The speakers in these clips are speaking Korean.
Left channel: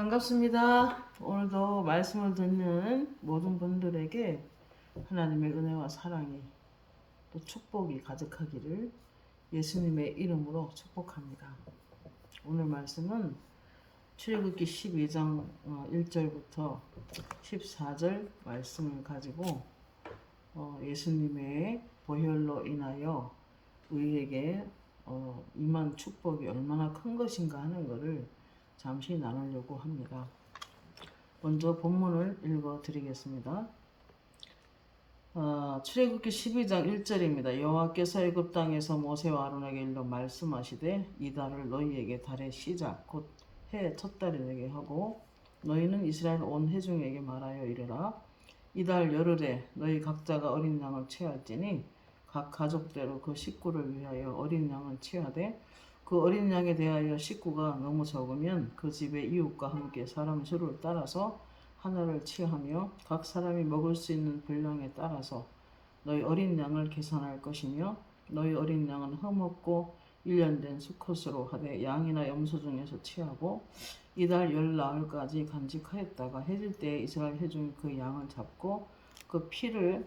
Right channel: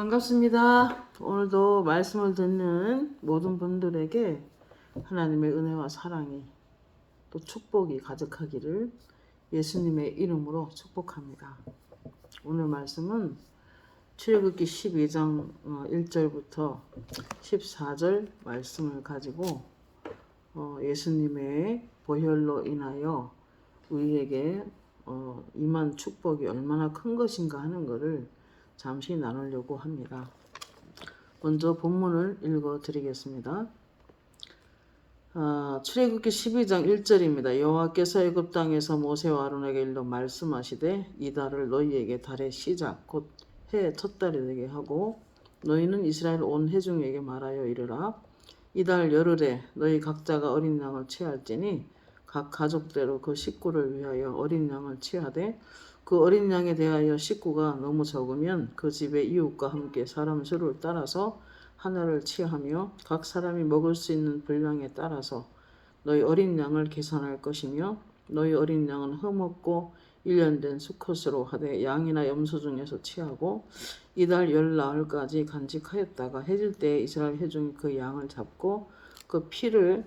반갑습니다. 오늘도 말씀을 듣는 모든 분들에게 하나님의 은혜와 사랑이 또 축복이 가득하기를 예수님의 이름으로 축복합니다. 오늘 말씀은 출애굽기 12장 1절부터 14절 말씀을 가지고 예수님의 보혈로 인하여 우리에게 임한 축복이 얼마나 큰 것인가 하는 것을 잠시 나누려고 합니다. 먼저 본문을 읽어 드리겠습니다. 출애굽기 12장 1절입니다. 여호와께서 애굽 땅에서 모세와 아론에게 일러 말씀하시되 이 달을 너희에게 달의 시작 곧 해의 첫 달이 되게 하고 너희는 이스라엘 온 회중에게 말하여 이르라 이 달 열흘에 너희 각자가 어린 양을 취할지니 각 가족대로 그 식구를 위하여 어린 양을 취하되 그 어린 양에 대하여 식구가 너무 적으면 그 집의 이웃과 함께 사람 수를 따라서 하나를 취하며 각 사람이 먹을 수 있는 분량에 따라서 너희 어린 양을 계산할 것이며 너희 어린 양은 흠없고 1년 된 수컷으로 하되 양이나 염소 중에서 취하고 이달 열 나흘까지 간직하였다가 해질 때에 이스라엘 회중이 그 양을 잡고 그 피를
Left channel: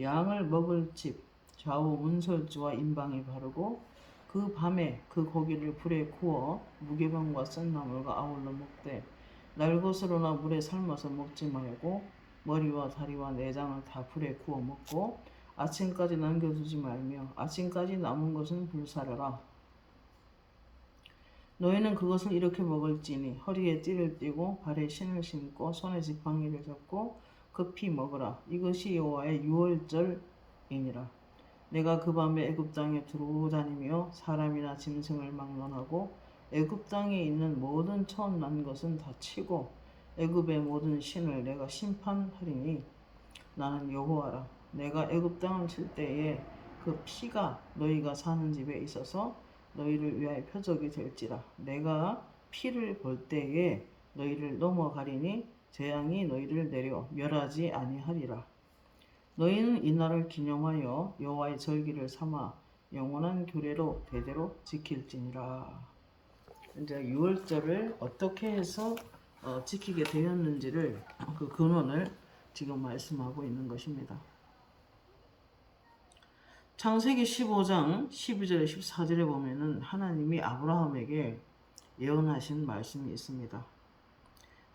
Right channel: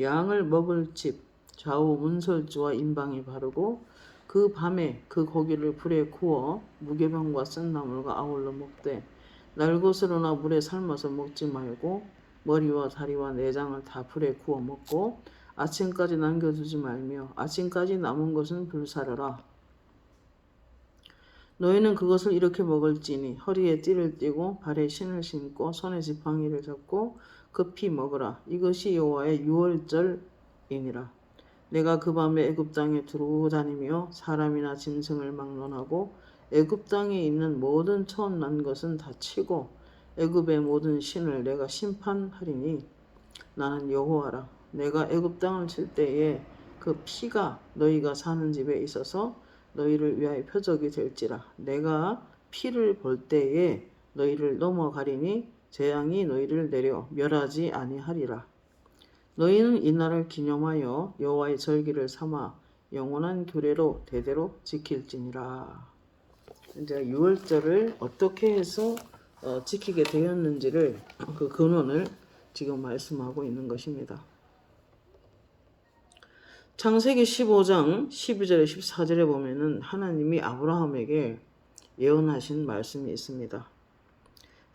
양을 먹을 집 좌우 문설주와 임방에 바르고 그 밤에 그 고기를 불에 구워 무개병과 쓴나물과 아울러 먹되 날것으로나 물에 삶아서 먹지 말고 머리와 다리와 내장을 다 불에 구워 먹고 아침까지 남겨두지 말며 아침까지 남은 것은 불사르라. 너희는 그것을 이렇게 먹을지니 허리에 띠를 띠고 발에 신을 신고 손에 지팡이를 잡고 급히 먹으라. 이것이 여호와의 유월절이니라. 내가 그 밤에 애굽 땅에 두루 다니며 사람이나 짐승을 막론하고 애굽 땅에 있는 모든 처음 난 것은 다 치고 애굽의 모든 신을 내가 심판하리니 나는 여호와라. 내가 애굽 땅을 칠 때에 그 피가 너희가 사는 집에 있어서 너희를 위하여 표적이 될지라. 내가 피를 볼 때에 너희를 넘어가리니 재앙이 너희를 내려 멸하지 아니하리라. 너희는 이날을 기념하여 여호와의 절기를 삼아 영원한 규례로 대대로 지킬지니라. 이제 유월절을 어떻게 해서 지키게 되었는지를 그 근원을 지금 말씀하고 있는 것입니다. 창세기 15장 12절에 14절에 보면은 하나님이 아브라함에게 예언하신 말씀이 있습니다.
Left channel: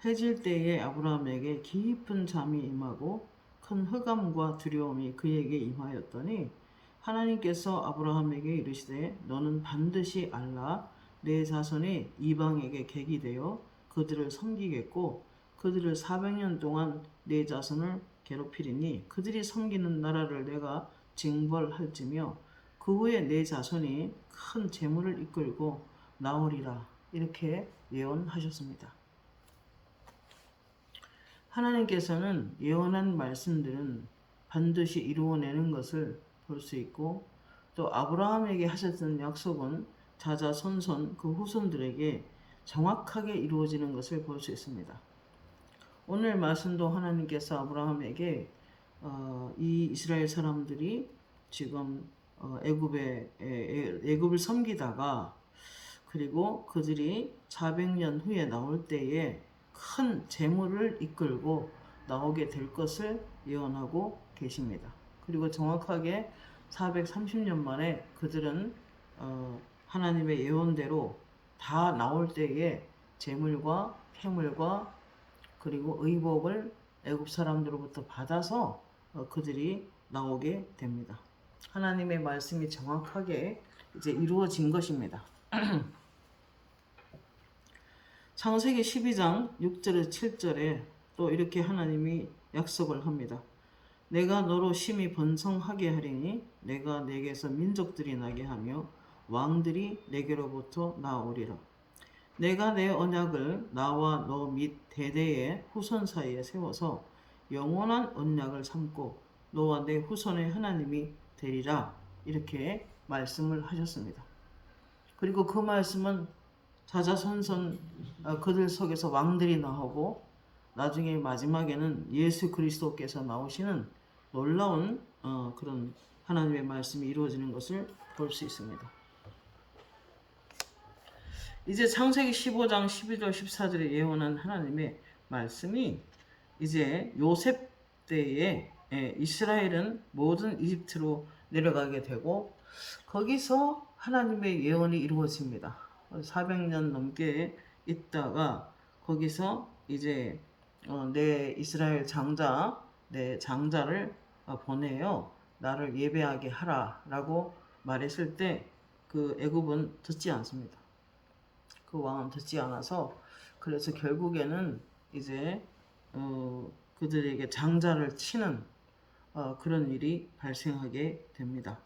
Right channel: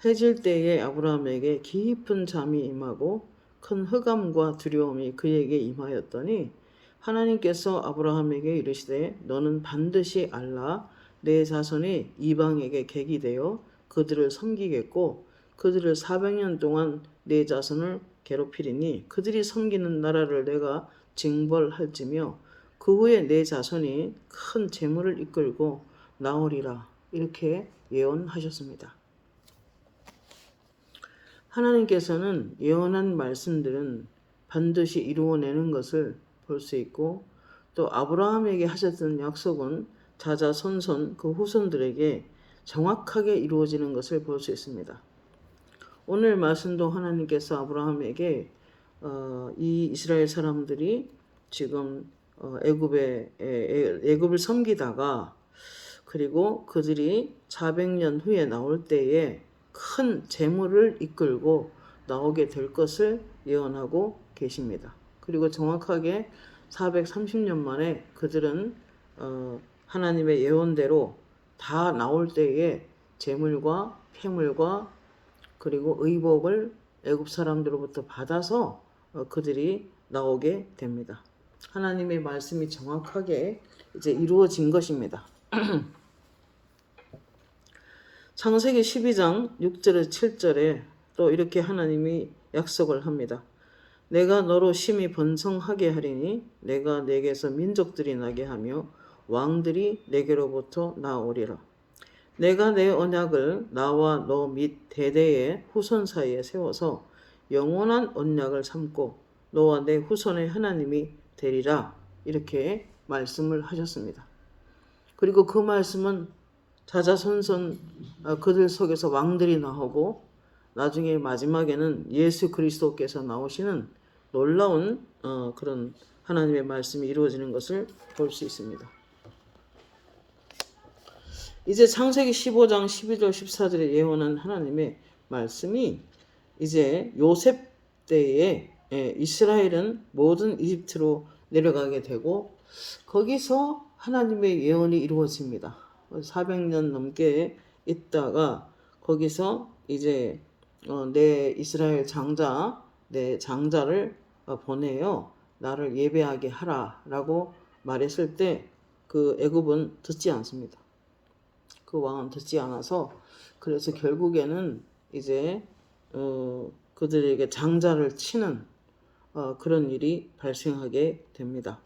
해질 때에 아브라함에게 깊은 잠이 임하고 큰 흑암과 두려움이 그에게 임하였더니 하나님께서 아브라함에게 이르시되 너는 반드시 알라 내 자손이 이방에게 객이 되어 그들을 섬기겠고 그들을 400년 동안 내 자손을 괴롭히리니 그들이 섬기는 나라를 내가 징벌할지며 그 후에 내 자손이 큰 재물을 이끌고 나오리라. 이렇게 예언하셨습니다. 하나님께서는 예언한 말씀들은 반드시 이루어내는 것을 볼 수 있고 또 아브라함에게 하셨던 약속은 자자손손 그 후손들에게 정확하게 이루어지는 것을 볼 수 있습니다. 오늘 말씀도 하나님께서 아브라함에게 이 이스라엘 사람들이 지금 애굽을 섬기다가 그리고 그들이 400년 후에 나올 때에 큰 재물을 이끌고 나오게 될 것을 예언하고 계십니다. 그리고 정확하게 430년 만에 그들은 하나님의 예언대로 다 나올 때에 재물과 폐물과 그리고 의복을 애굽 사람들로부터 받아서 그들이 나오게 됩니다. 하나님의 말씀이 정확하게 이제 이루어진 것입니다. 창세기 12장 6절에 7절에 또 이렇게 하나님이 약속을 합니다. 내가 너로 심히 번성하게 하리니 내가 내게서 민족들이 나게 하며 왕들이 내게로부터 나오리라. 내가 내 언약을 나와 너 및 대대의 후손 사이에 세워서 영원한 언약을 삼고 너와 내 후손의 하나님이 되리라. 이렇게 말씀을 하셨습니다. 그리고 그 말씀은 자자손손 그들 속에서 왕들이 나오고 나중에 마지막에는 예수 그리스도께서 나오시는 놀라운 그런 하나님의 말씀이 이루어지는 것을 볼 수 있습니다. 이제 창세기 15장 12절 14절에 예언한 하나님의 말씀이 이제 요셉 때에 이스라엘은 모든 이집트로 내려가게 되고 거기서 하나님의 예언이 이루어집니다. 400년 넘게 있다가 거기서 이제 내 이스라엘 장자, 내 장자를 보내요. 나를 예배하게 하라라고 말했을 때 그 애굽은 듣지 않습니다. 그 왕은 듣지 않아서 그래서 결국에는 이제 그들에게 장자를 치는 그런 일이 발생하게 됩니다.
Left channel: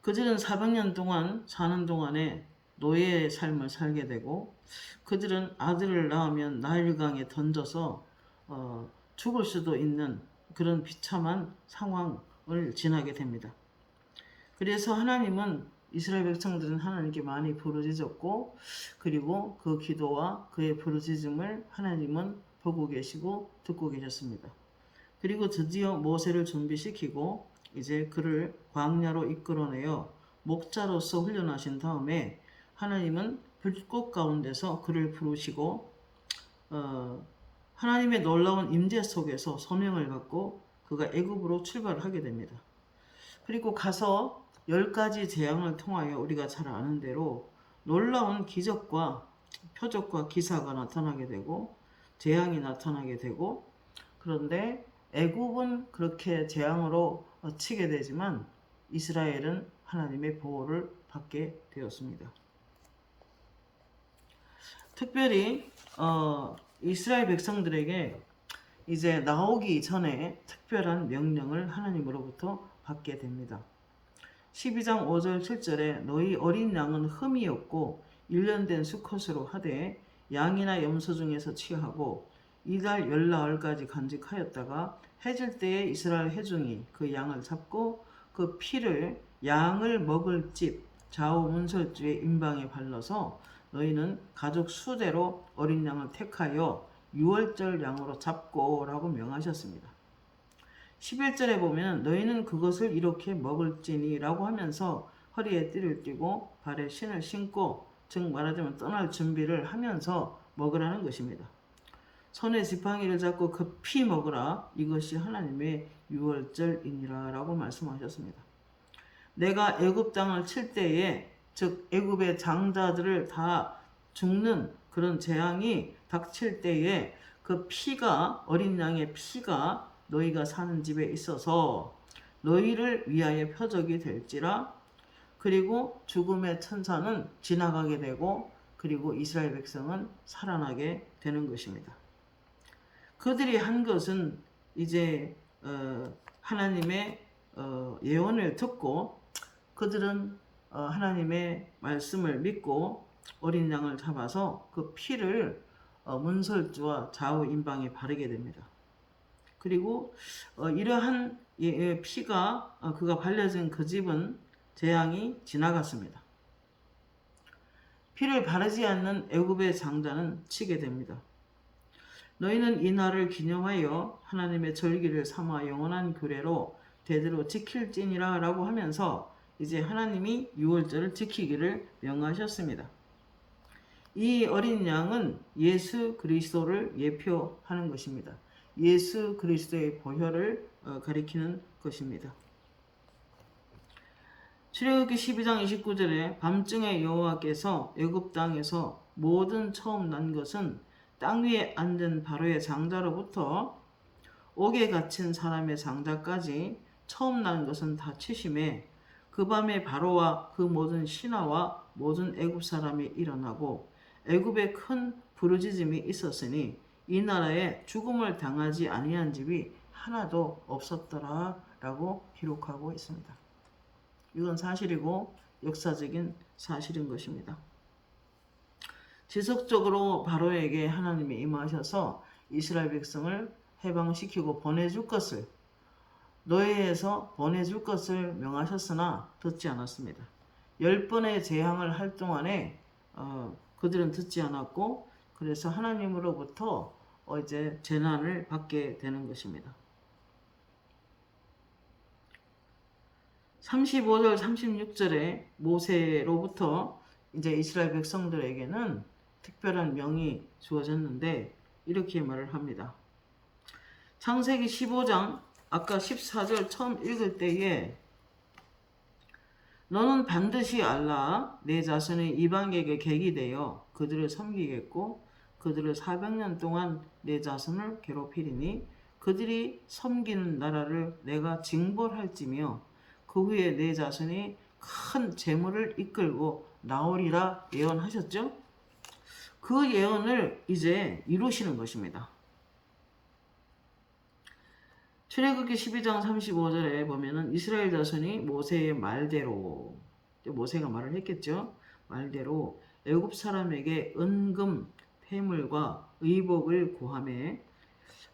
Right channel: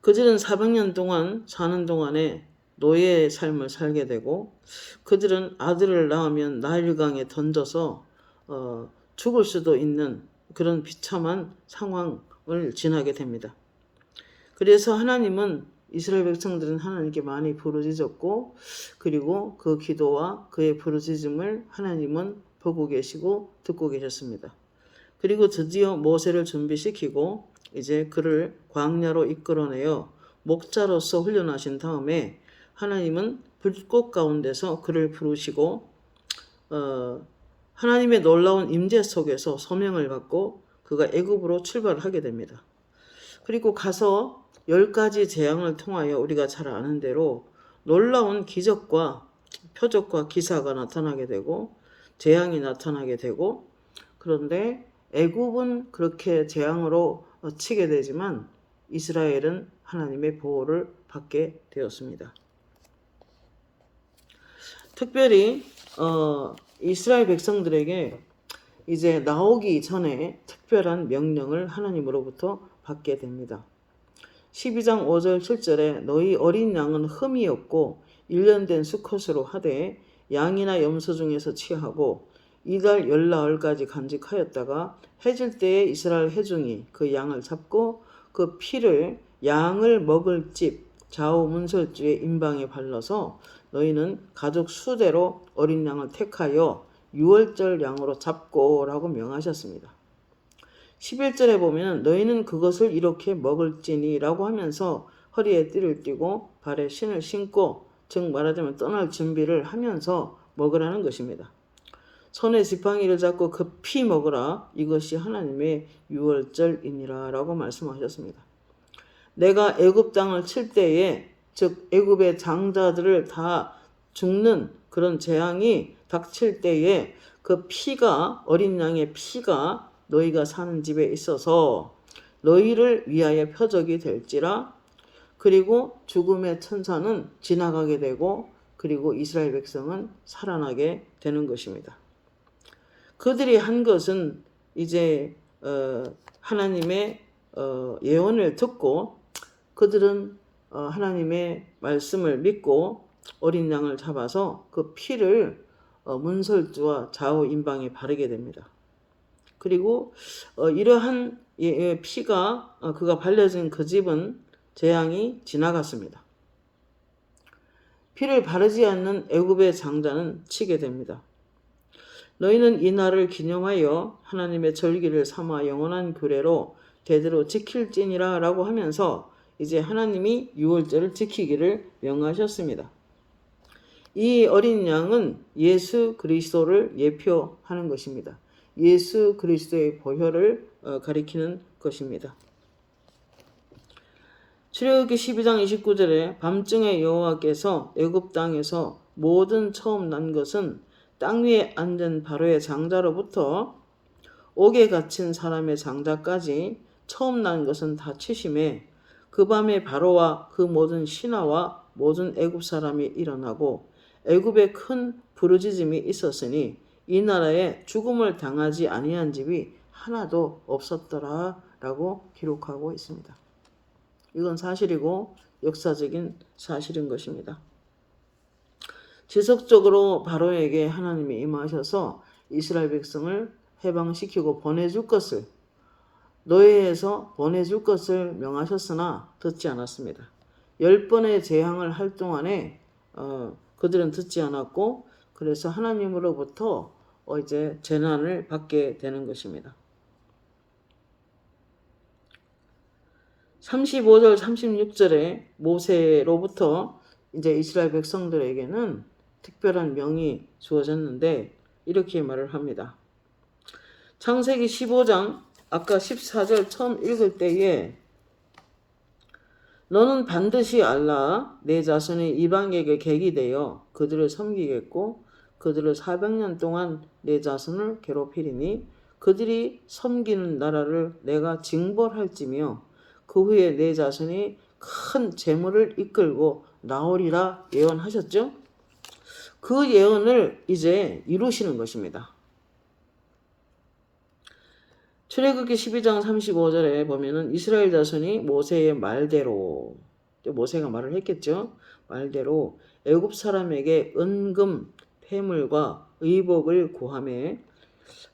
그들은 400년 동안 사는 동안에 노예의 삶을 살게 되고 그들은 아들을 낳으면 나일강에 던져서 죽을 수도 있는 그런 비참한 상황을 지나게 됩니다. 그래서 하나님은 이스라엘 백성들은 하나님께 많이 부르짖었고 그리고 그 기도와 그의 부르짖음을 하나님은 보고 계시고 듣고 계셨습니다. 그리고 드디어 모세를 준비시키고 이제 그를 광야로 이끌어내어 목자로서 훈련하신 다음에 하나님은 불꽃 가운데서 그를 부르시고 하나님의 놀라운 임재 속에서 소명을 받고 그가 애굽으로 출발하게 됩니다. 그리고 가서 10가지 재앙을 통하여 우리가 잘 아는 대로 놀라운 기적과 표적과 기사가 나타나게 되고 재앙이 나타나게 되고 그런데 애굽은 그렇게 재앙으로 치게 되지만 이스라엘은 하나님의 보호를 받게 되었습니다. 특별히 이스라엘 백성들에게 이제 나오기 전에 특별한 명령을 하나님으로부터 받게 됩니다. 12장 5절 7절에 너희 어린 양은 흠이 없고 1년 된 수컷으로 하되 양이나 염소 중에서 취하고 이달 열나흘까지 간직하였다가 해질 때에 이스라엘 회중이 그 양을 잡고 그 피를 양을 먹을 집 좌우 문설주의 임방에 발라서 너희는 가족 수대로 어린 양을 택하여 유월절 양으로 잡고 라고 명하셨습니다. 11절에 보면 너희는 그것을 이렇게 먹을지니 라고 하면서 허리에 띠를 띠고 발에 신을 신고 즉 말하자면 떠날 준비를 하면서 먹으라는 것입니다. 손에 지팡이를 잡고 그 피 먹으라 이것이 하나님의 유월절이니라 라고 말씀하셨습니다. 내가 애굽 땅을 칠 때에 즉 애굽의 장자들을 다 죽는 그런 재앙이 닥칠 때에 그 피가 어린 양의 피가 너희가 사는 집에 있어서 너희를 위하여 표적이 될지라 그리고 죽음의 천사는 지나가게 되고 그리고 이스라엘 백성은 살아나게 되는 것입니다. 그들이 한 것은 이제 하나님의 예언을 듣고 그들은 하나님의 말씀을 믿고 어린 양을 잡아서 그 피를 문설주와 좌우 임방에 바르게 됩니다. 그리고 이러한 피가 그가 발려진 그 집은 재앙이 지나갔습니다. 피를 바르지 않는 애굽의 장자는 치게 됩니다. 너희는 이 날을 기념하여 하나님의 절기를 삼아 영원한 규례로 대대로 지킬지니라 라고 하면서 이제 하나님이 유월절을 지키기를 명하셨습니다. 이 어린 양은 예수 그리스도를 예표하는 것입니다. 예수 그리스도의 보혈을 가리키는 것입니다. 출애굽기 12장 29절에 밤중에 여호와께서 애굽 땅에서 모든 처음 난 것은 땅 위에 앉은 바로의 장자로부터 옥에 갇힌 사람의 장자까지 처음 난 것은 다 치심에 그 밤에 바로와 그 모든 신하와 모든 애굽 사람이 일어나고 애굽에 큰 부르짖음이 있었으니 이 나라에 죽음을 당하지 아니한 집이 하나도 없었더라 라고 기록하고 있습니다. 이건 사실이고 역사적인 사실인 것입니다. 지속적으로 바로에게 하나님이 임하셔서 이스라엘 백성을 해방시키고 보내줄 것을 노예에서 보내줄 것을 명하셨으나 듣지 않았습니다. 10번의 재앙을 할 동안에 그들은 듣지 않았고 그래서 하나님으로부터 이제 재난을 받게 되는 것입니다. 35절 36절에 모세로부터 이제 이스라엘 백성들에게는 특별한 명이 주어졌는데 이렇게 말을 합니다. 창세기 15장 아까 14절 처음 읽을 때에 너는 반드시 알라 내 자손의 이방에게 객이 되어 그들을 섬기겠고 그들을 400년 동안 내 자손을 괴롭히리니 그들이 섬기는 나라를 내가 징벌할지며 그 후에 내 자손이 큰 재물을 이끌고 나오리라 예언하셨죠? 그 예언을 이제 이루시는 것입니다. 출애굽기 12장 35절에 보면은 이스라엘 자손이 모세의 말대로, 모세가 말을 했겠죠. 말대로 애굽 사람에게 은금, 폐물과 의복을 구하매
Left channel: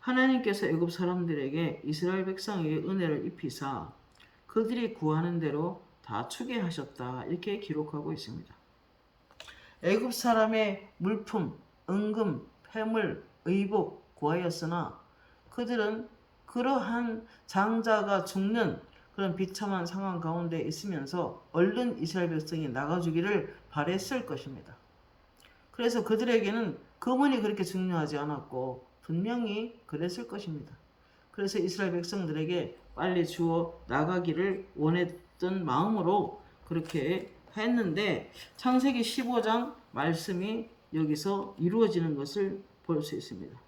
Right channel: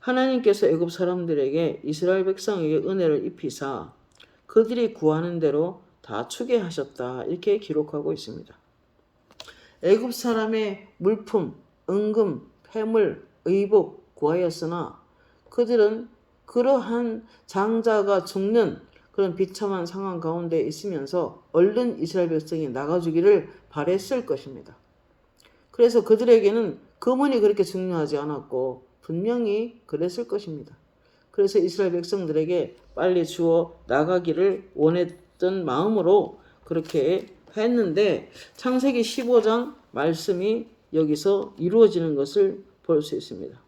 하나님께서 애굽 사람들에게 이스라엘 백성에게 은혜를 입히사 그들이 구하는 대로 다 주게 하셨다. 이렇게 기록하고 있습니다. 애굽 사람의 물품, 은금, 폐물, 의복 구하였으나 그들은 그러한 장자가 죽는 그런 비참한 상황 가운데 있으면서 얼른 이스라엘 백성이 나가주기를 바랬을 것입니다. 그래서 그들에게는 금은이 그렇게 중요하지 않았고 분명히 그랬을 것입니다. 그래서 이스라엘 백성들에게 빨리 주어 나가기를 원했던 마음으로 그렇게 했는데 창세기 15장 말씀이 여기서 이루어지는 것을 볼 수 있습니다.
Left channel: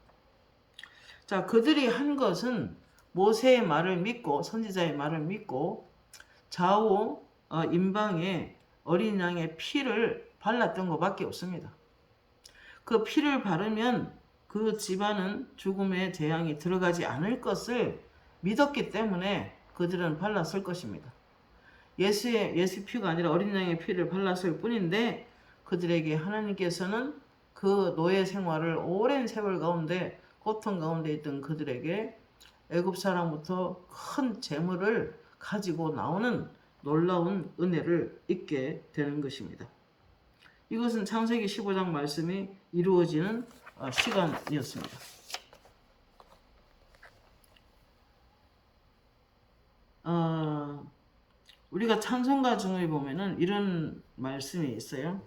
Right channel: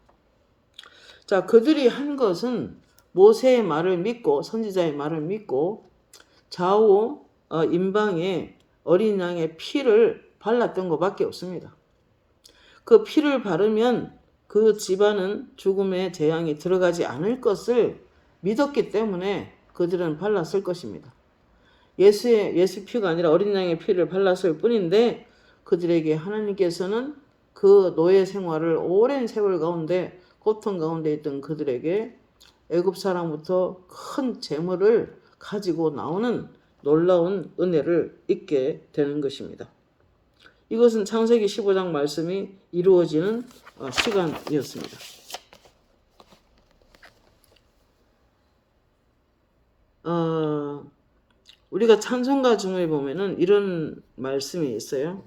자, 그들이 한 것은 모세의 말을 믿고 선지자의 말을 믿고 좌우 임방에 어린 양의 피를 발랐던 것밖에 없습니다. 그 피를 바르면 그 집안은 죽음의 재앙이 들어가지 않을 것을 믿었기 때문에 그들은 발랐을 것입니다. 예수 피가 아니라 어린 양의 피를 발랐을 뿐인데 그들에게 하나님께서는 그 노예 생활을 오랜 세월 가운데 고통 가운데 있던 그들에게 애굽 사람부터 큰 재물을 가지고 나오는 놀라운 은혜를 입게 되는 것입니다. 이것은 창세기 15장 말씀이 이루어지는 시간이었습니다. 우리가 찬송가 중에 보면은 이런 말씀이 있어요.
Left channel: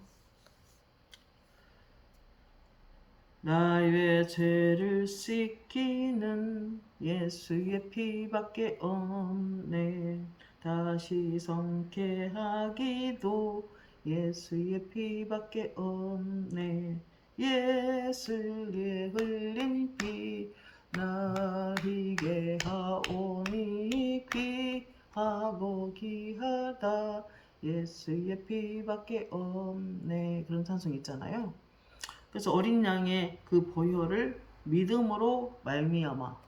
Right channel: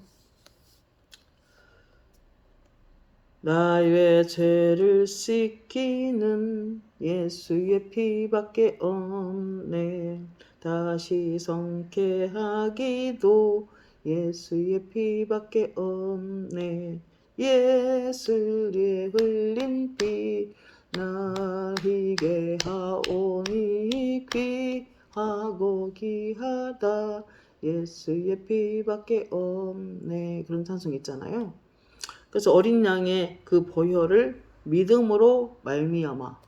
나의 죄를 씻기는 예수의 피밖에 없네. 다시 성케하기도 예수의 피밖에 없네. 예수의 흘린 피 나에게 하오니 귀하고 귀하다. 예수의 피밖에 없네. 그런 찬송 있잖아요. 그래서 어린 양의 그 보혈을 믿음으로 말미암아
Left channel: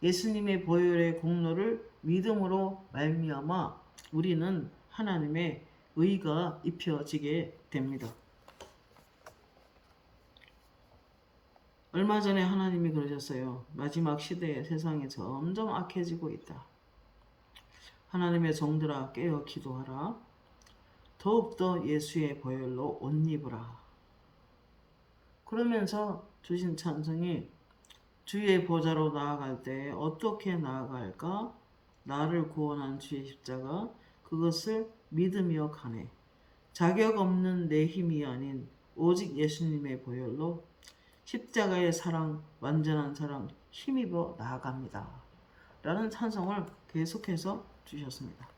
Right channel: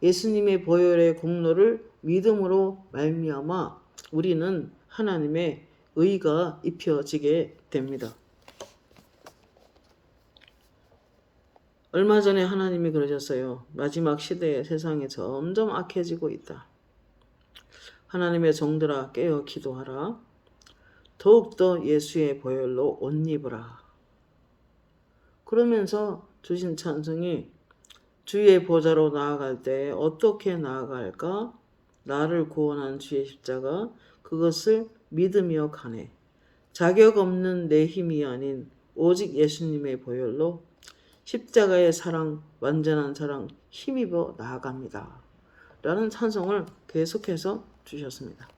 예수님의 보혈의 공로를 믿음으로 말미암아 우리는 하나님의 의가 입혀지게 됩니다. 얼마 전에 하나님이 그러셨어요. 마지막 시대에 세상이 점점 악해지고 있다. 하나님의 종들아 깨어 기도하라. 더욱더 예수의 보혈로 옷 입으라. 그러면서 주신 찬송이 주의 보좌로 나아갈 때 어떻게 나아갈까? 나를 구원한 주의 십자가 그것을 믿으며 가네. 자격 없는 내 힘이 아닌 오직 예수님의 보혈로 십자가의 사랑, 완전한 사랑 힘입어 나아갑니다. 라는 찬송을 계속해서 주셨습니다.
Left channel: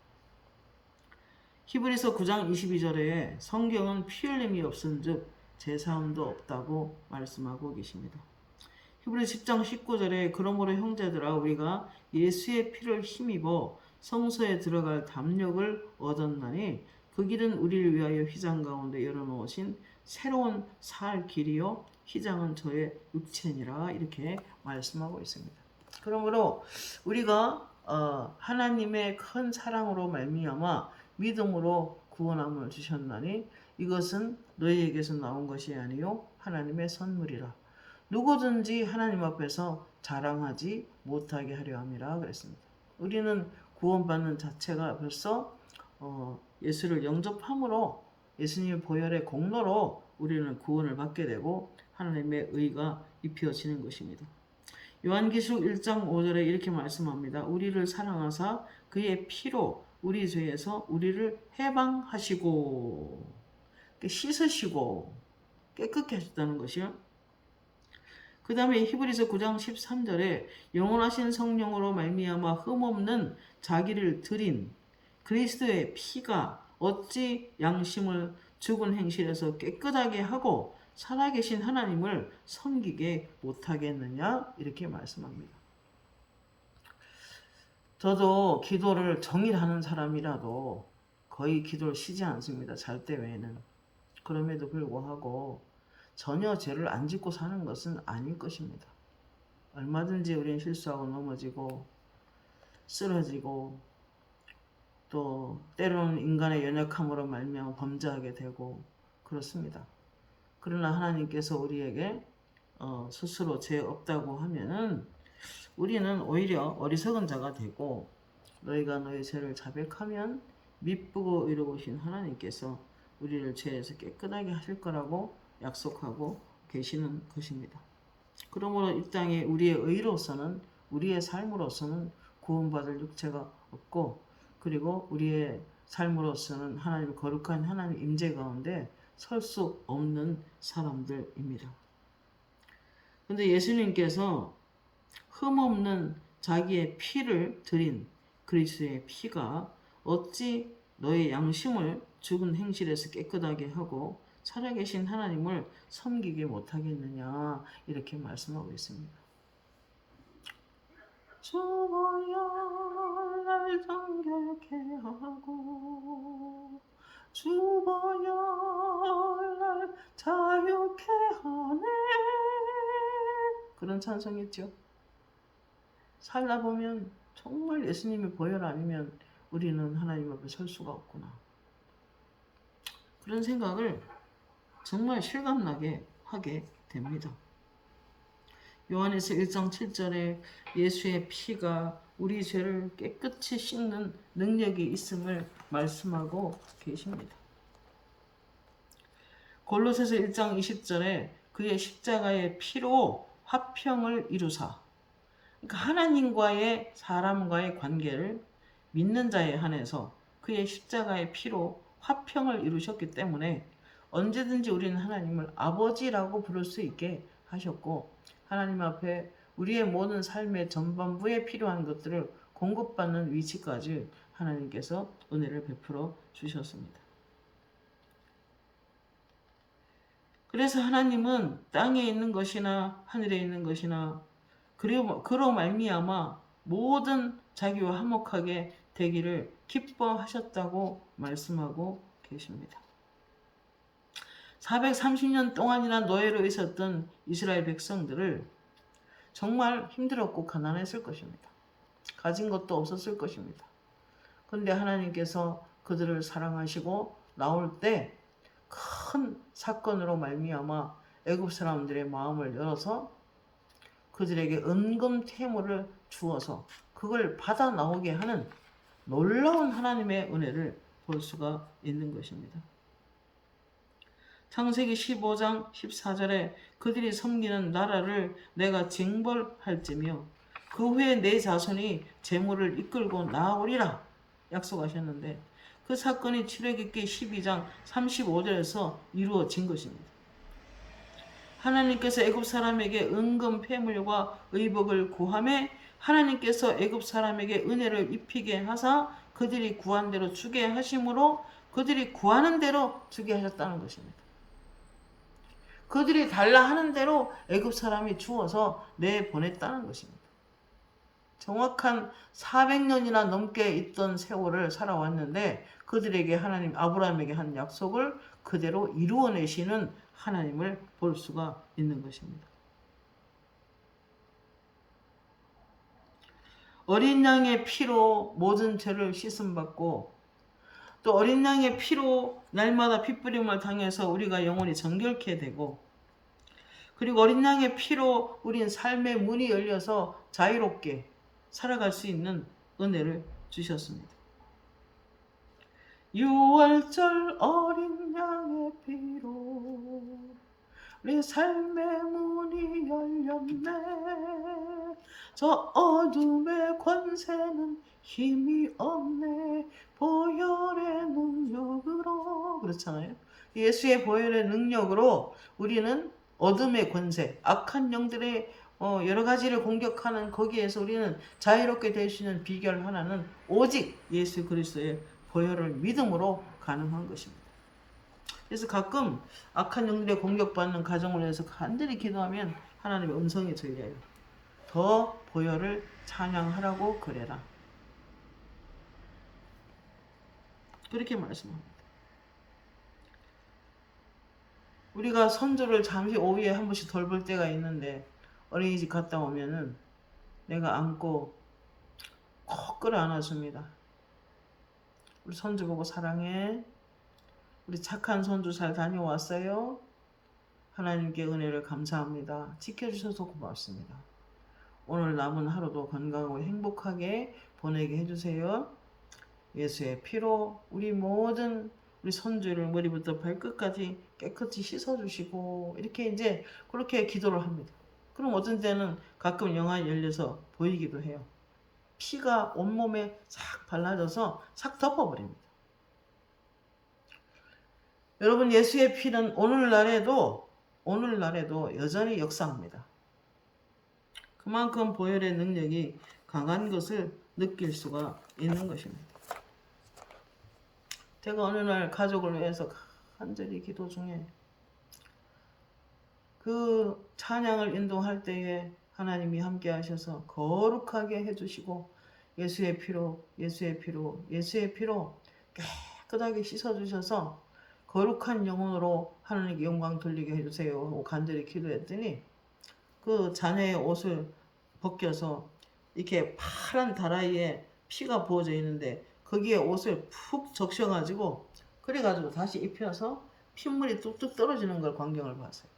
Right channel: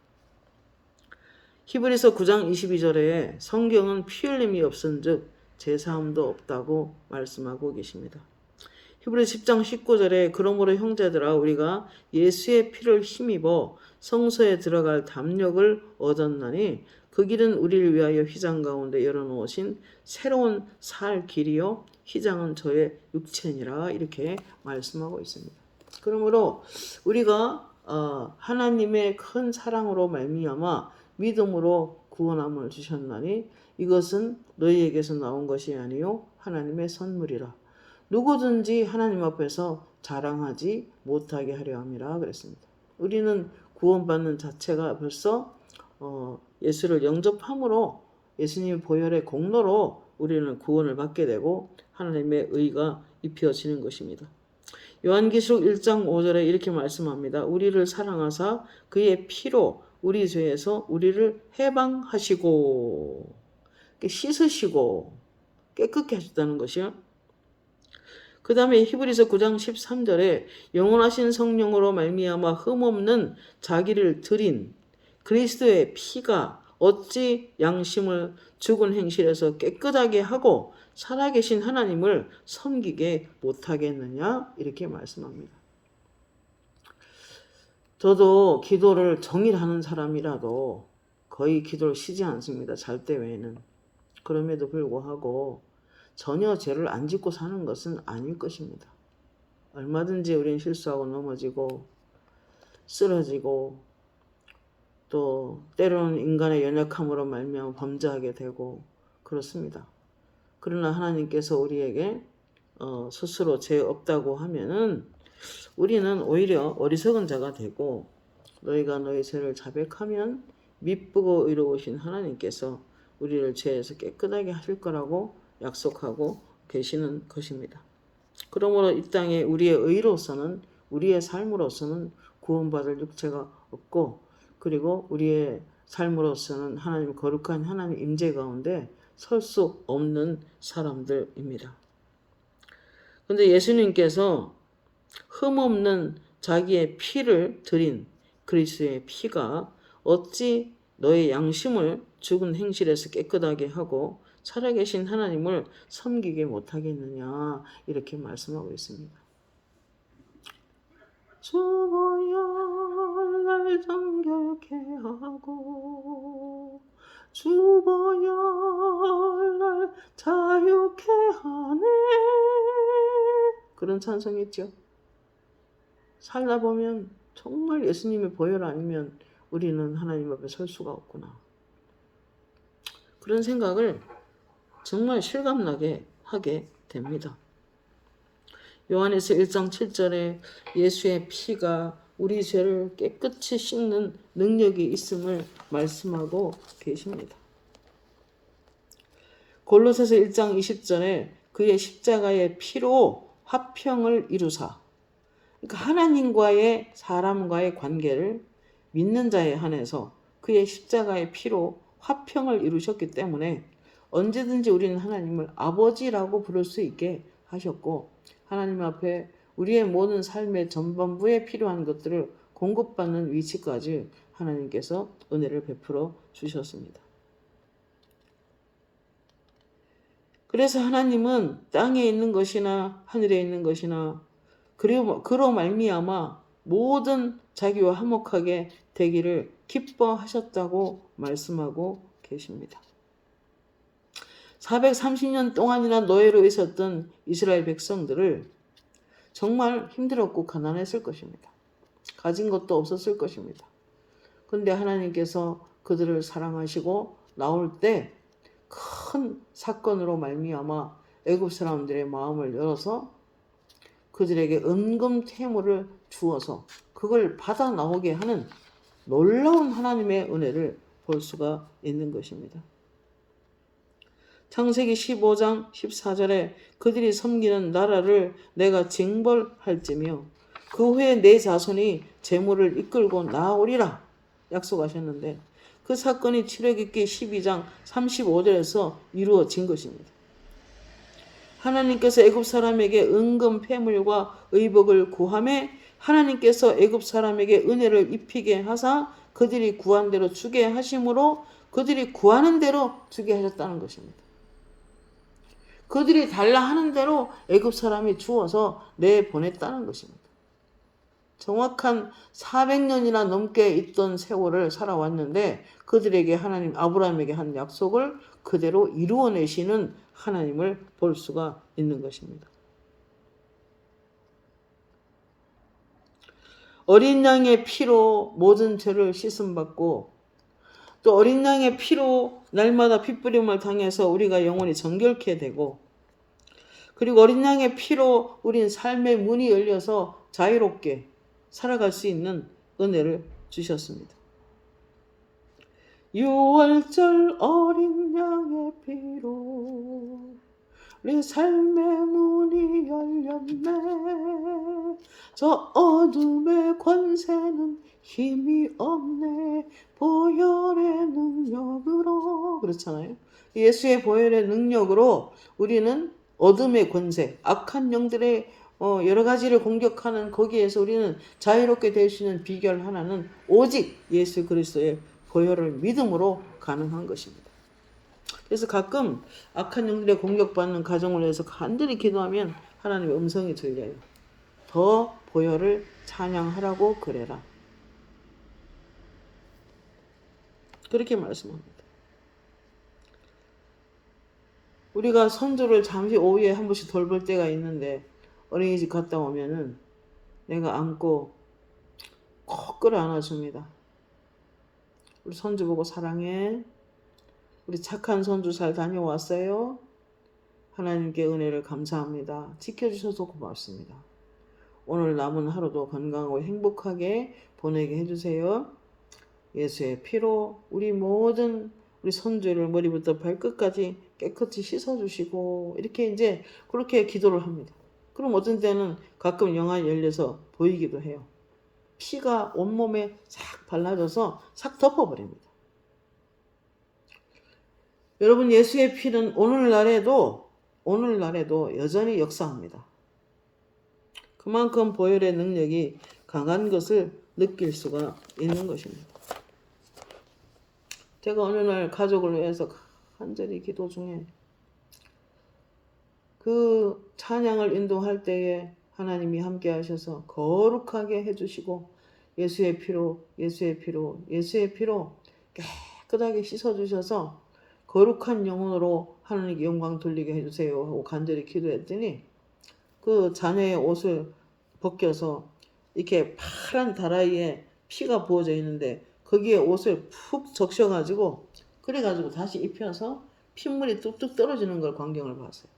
히브리서 9장 22절에 성경은 피 흘림이 없은즉 제사함도 없다고 말씀하고 계십니다. 히브리 10장 19절에 그러므로 형제들아 우리가 예수의 피를 힘입어 성소에 들어갈 담력을 얻었나니 그 길은 우리를 위하여 휘장 가운데 열어놓으신 새로운 살 길이요 휘장은 저의 육체니라 이렇게 말씀하고 있습니다. 그러므로 우리가 하나님의 큰 사랑으로 말미암아 믿음으로 구원함을 주셨나니 이것은 너희에게서 나온 것이 아니요 하나님의 선물이라. 누구든지 하나님 앞에서 자랑하지 못하게 하려 함이라 그랬습니다. 우리는 구원받는 자체가 벌써 예수를 영접함으로 예수님의 보혈의 공로로 우리는 구원을 받게 되고 하나님의 의가 입혀지는 것입니다. 요한계시록 1장 5절에 이렇게 말씀합니다. 우리를 사랑하사 그의 피로 우리 죄에서 우리를 해방하시고 씻으시고 깨끗게 하셨다는 것이요. 그 다음에 히브리서 9장 13절에 영원하신 성령으로 말미암아 흠없는 자기를 드린 그리스도의 피가 어찌 양심을 죽은 행실에서 깨끗하게 하고 살아계신 하나님을 섬기게 못하겠느냐, 이렇게 말씀합니다. 저도 기도를 정일 하는 사람이라도 거의 기도를 쉬지 않습니다. 잘 때 외에는. 그럼에도 불구하고 전혀 죄를 안 짓고 사는 것은 아닐 것입니다. 얼마든지 우리는 실수하고 넘어지고 쓰러지고 또 때로는 인간의 연약함으로 말미암아 범죄하게 되고 그렇습니다. 그러나 하나님께서 우리에게 스스로 죄 없다고 하면은 우리는 오히려 어리석은 자가 되고, 너희가 너희 죄를 자백하면 미쁘고 의로우신 하나님께서 우리를 죄에서 깨끗하게 하실 거라고 약속하고 계시는 것입니다. 그러므로 이 땅에 우리의 의로서는, 우리의 삶으로서는 구원받을 육체가 없고, 그리고 우리의 삶으로서는 하나님 거룩한 하나님 임재 가운데 설 수 없는 사람들입니다. 그런데 예수님께서 흠없는 자기의 피를 드린 그리스도의 피가 어찌 너의 양심을 죽은 행실에서 깨끗하게 하고 살아계신 하나님을 섬기게 못하겠느냐, 이렇게 말씀하고 있습니다. 죽어야 날 정결케 하고 죽어야 날 자유케 하네, 그런 찬송이 있죠. 살다 보면 정말 예수님의 보혈 아니면 우리는 하나님 앞에 설 수가 없구나, 그런 생각을 정말 실감나게 하게 됩니다. 요한에서 1장 7절에 예수의 피가 우리 죄를 깨끗이 씻는 능력이 있음을 말씀하고 계십니다. 골로새서 1장 20절에 그의 십자가의 피로 화평을 이루사, 그러니까 하나님과의 사람과의 관계를 믿는 자에 한해서 그의 십자가의 피로 화평을 이루셨기 때문에 언제든지 우리는 하나님을 아버지라고 부를 수 있게 하셨고, 하나님 앞에 우리의 모든 삶의 전반부에 필요한 것들을 공급받는 위치까지 하나님께서 은혜를 베풀어 주셨습니다. 그래서 하나님은 땅에 있는 것이나 하늘에 있는 것이나 그로 말미암아 모든 자기와 화목하게 되기를 기뻐하셨다고 말씀하고 계십니다. 430년 동안이나 노예로 있었던 이스라엘 백성들을 정말 힘들었고 가난했을 것입니다. 가진 것도 없었을 것입니다. 그런데 하나님께서 그들을 사랑하시고 나올 때 큰 사건으로 말미암아 애굽 사람들의 마음을 열어서 그들에게 은금 퇴물을 주어서 그걸 받아 나오게 하는 놀라운 하나님의 은혜를 볼 수가 있는 것입니다. 창세기 15장 14절에 그들이 섬기는 나라를 내가 징벌할지며 그 후에 내 자손이 재물을 이끌고 나오리라 약속하셨는데, 그 사건이 출애굽기 12장 35절에서 이루어진 것입니다. 하나님께서 애굽 사람에게 은금 폐물과 의복을 구하매 하나님께서 애굽 사람에게 은혜를 입히게 하사 그들이 구한 대로 주게 하심으로 그들이 구하는 대로 주게 하셨다는 것입니다. 그들이 달라 하는 대로 애굽 사람이 주어서 내보냈다는 것입니다. 정확한 400년이나 넘게 있던 세월을 살아왔는데 그들에게 하나님 아브라함에게 한 약속을 그대로 이루어내시는 하나님을 볼 수가 있는 것입니다. 어린 양의 피로 모든 죄를 씻음받고 또 어린 양의 피로 날마다 핏부림을 당해서 우리가 영원히 정결케 되고, 그리고 어린 양의 피로 우린 삶의 문이 열려서 자유롭게 살아갈 수 있는 은혜를 주셨습니다. 6월절 어린 양의 피로 우리 삶의 문이 열렸네, 저 어둠의 권세는 힘이 없네, 보혈의 능력으로, 그렇잖아요. 예수의 보혈의 능력으로 우리는 어둠의 권세, 악한 영들의 여러 가지를 공격하는 거기에서 우리는 자유롭게 될 수 있는 비결 하나는 오직 예수 그리스도의 보혈을 믿음으로 가능한 것입니다. 그래서 가끔 악한 영들의 공격받는 가정을 위해서 간절히 기도하면 하나님의 음성이 들려요. 더 보혈을 찬양하라고 그래라. 그렇게 말씀합니다. 우리가 손주를 잠시 오후에 한 번씩 돌볼 때가 있는데 어린이집 갔다 오면은 내가 안고 꼭 끌어안아줍니다. 우리 손주 보고 사랑해. 우리 착한 손주 잘 다녀왔어요. 하나님께 은혜를 감사합니다. 지켜주셔서 고맙습니다. 오늘 남은 하루도 건강하고 행복하게 보내게 해주세요. 예수의 피로 우리 모든 우리 손주를 머리부터 발끝까지 깨끗이 씻어주시고 이렇게 이제 그렇게 기도를 합니다. 그럼 어떤 때는 가끔 영안이 열려서 보이기도 해요. 피가 온몸에 싹 발라져서 싹 덮어버립니다. 여러분, 예수의 피는 오늘날에도 여전히 역사합니다. 그만큼 보혈의 능력이 강한 것을 느낄 수가 있는 것입니다. 제가 어느 날 가족을 위해서 간절히 기도 중에 그 찬양을 인도할 때에 하나님이 함께 하셔서 거룩하게 해주시고 예수의 피로 깨끗하게 씻어주셔서 거룩한 영혼으로 하나님께 영광 돌리게 해주세요 하고 간절히 기도했더니 그 자녀의 옷을 벗겨서 이렇게 파란 다라이에 피가 부어져 있는데 거기에 옷을 푹 적셔가지고 그래가지고 다시 입혀서 핏물이 뚝뚝 떨어지는 걸 광경을 봤어요.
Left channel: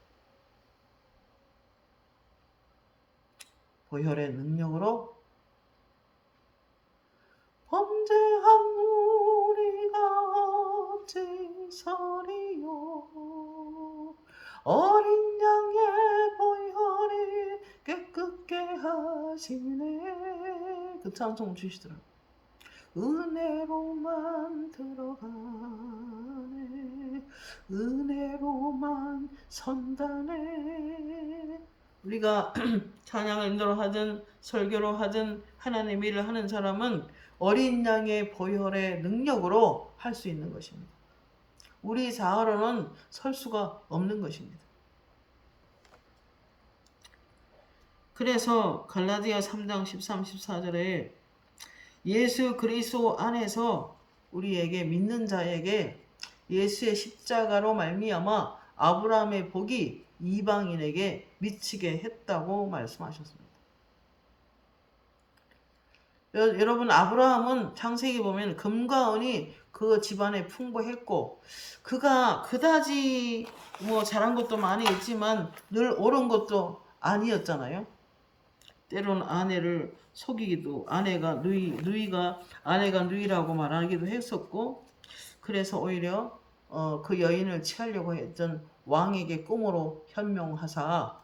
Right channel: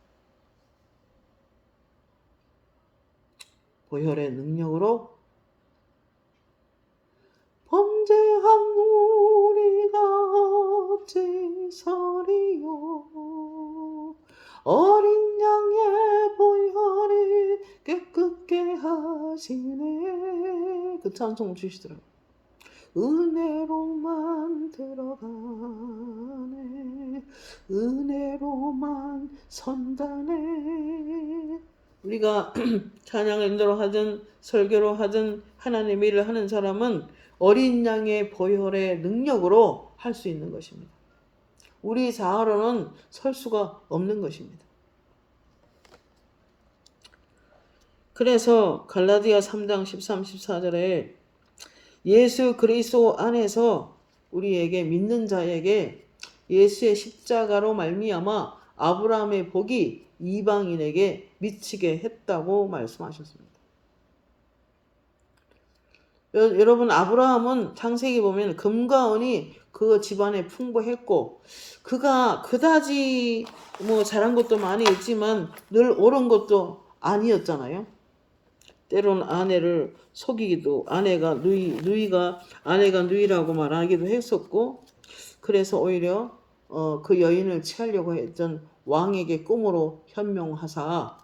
보혈의 능력으로 범죄한 우리가 어찌서리요 어린 양의 보혈이 깨끗게 하시네. 그 찬송 주시더라고요. 은혜로만 들어가네 은혜로만 선다네. 우리가 찬양을 인도로 하든 설교로 하든 하나님의 일을 하는 사람은 어린 양의 보혈의 능력으로 할 수 있는 것입니다. 우리 자아로는 설 수가 없는 것입니다. 그래서 갈라디아 3장 13, 14절에 예수 그리스도 안에서 우리에게 믿는 자에게 예수의 십자가로 말미암아 아브라함의 복이 이방인에게 미치게 했다고 말씀하셨습니다. 여러분, 아브라함은 창세기 보면 금과 은이 그 집안에 풍부했고 그가 그다지 잘한 것도 많이 있지만 늘 옳은 것도 아니었잖아요. 때론 아내를 속이기도 아내가 누이라고 말하기도 했었고 그래서 오히려 그 여인을 취하려고 했던 왕에게 꿈으로 현명하사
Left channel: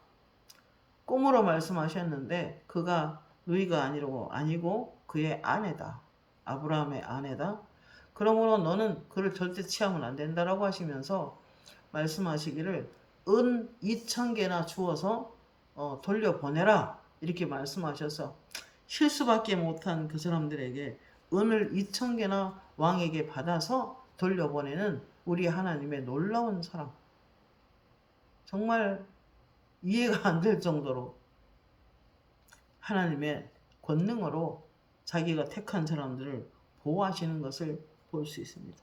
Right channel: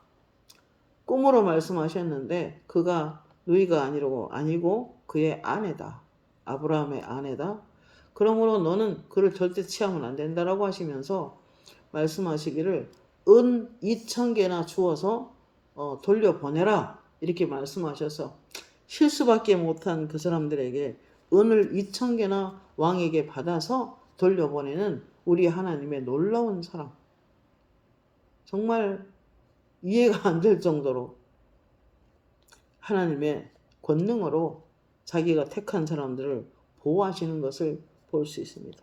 꿈으로 말씀하셨는데 그가 누이가 아니고 그의 아내다. 아브라함의 아내다. 그러므로 너는 그를 절대 취하면 안 된다라고 하시면서 말씀하시기를 은 2,000개나 주어서 돌려보내라 이렇게 말씀하셔서 실수밖에 못한 그 사람들에게 은을 2,000개나 왕에게 받아서 돌려보내는 우리 하나님의 놀라운 사랑. 정말 이해가 안 될 정도로 하나님의 권능으로 자기가 택한 사람들을 보호하시는 것을 볼 수 있습니다.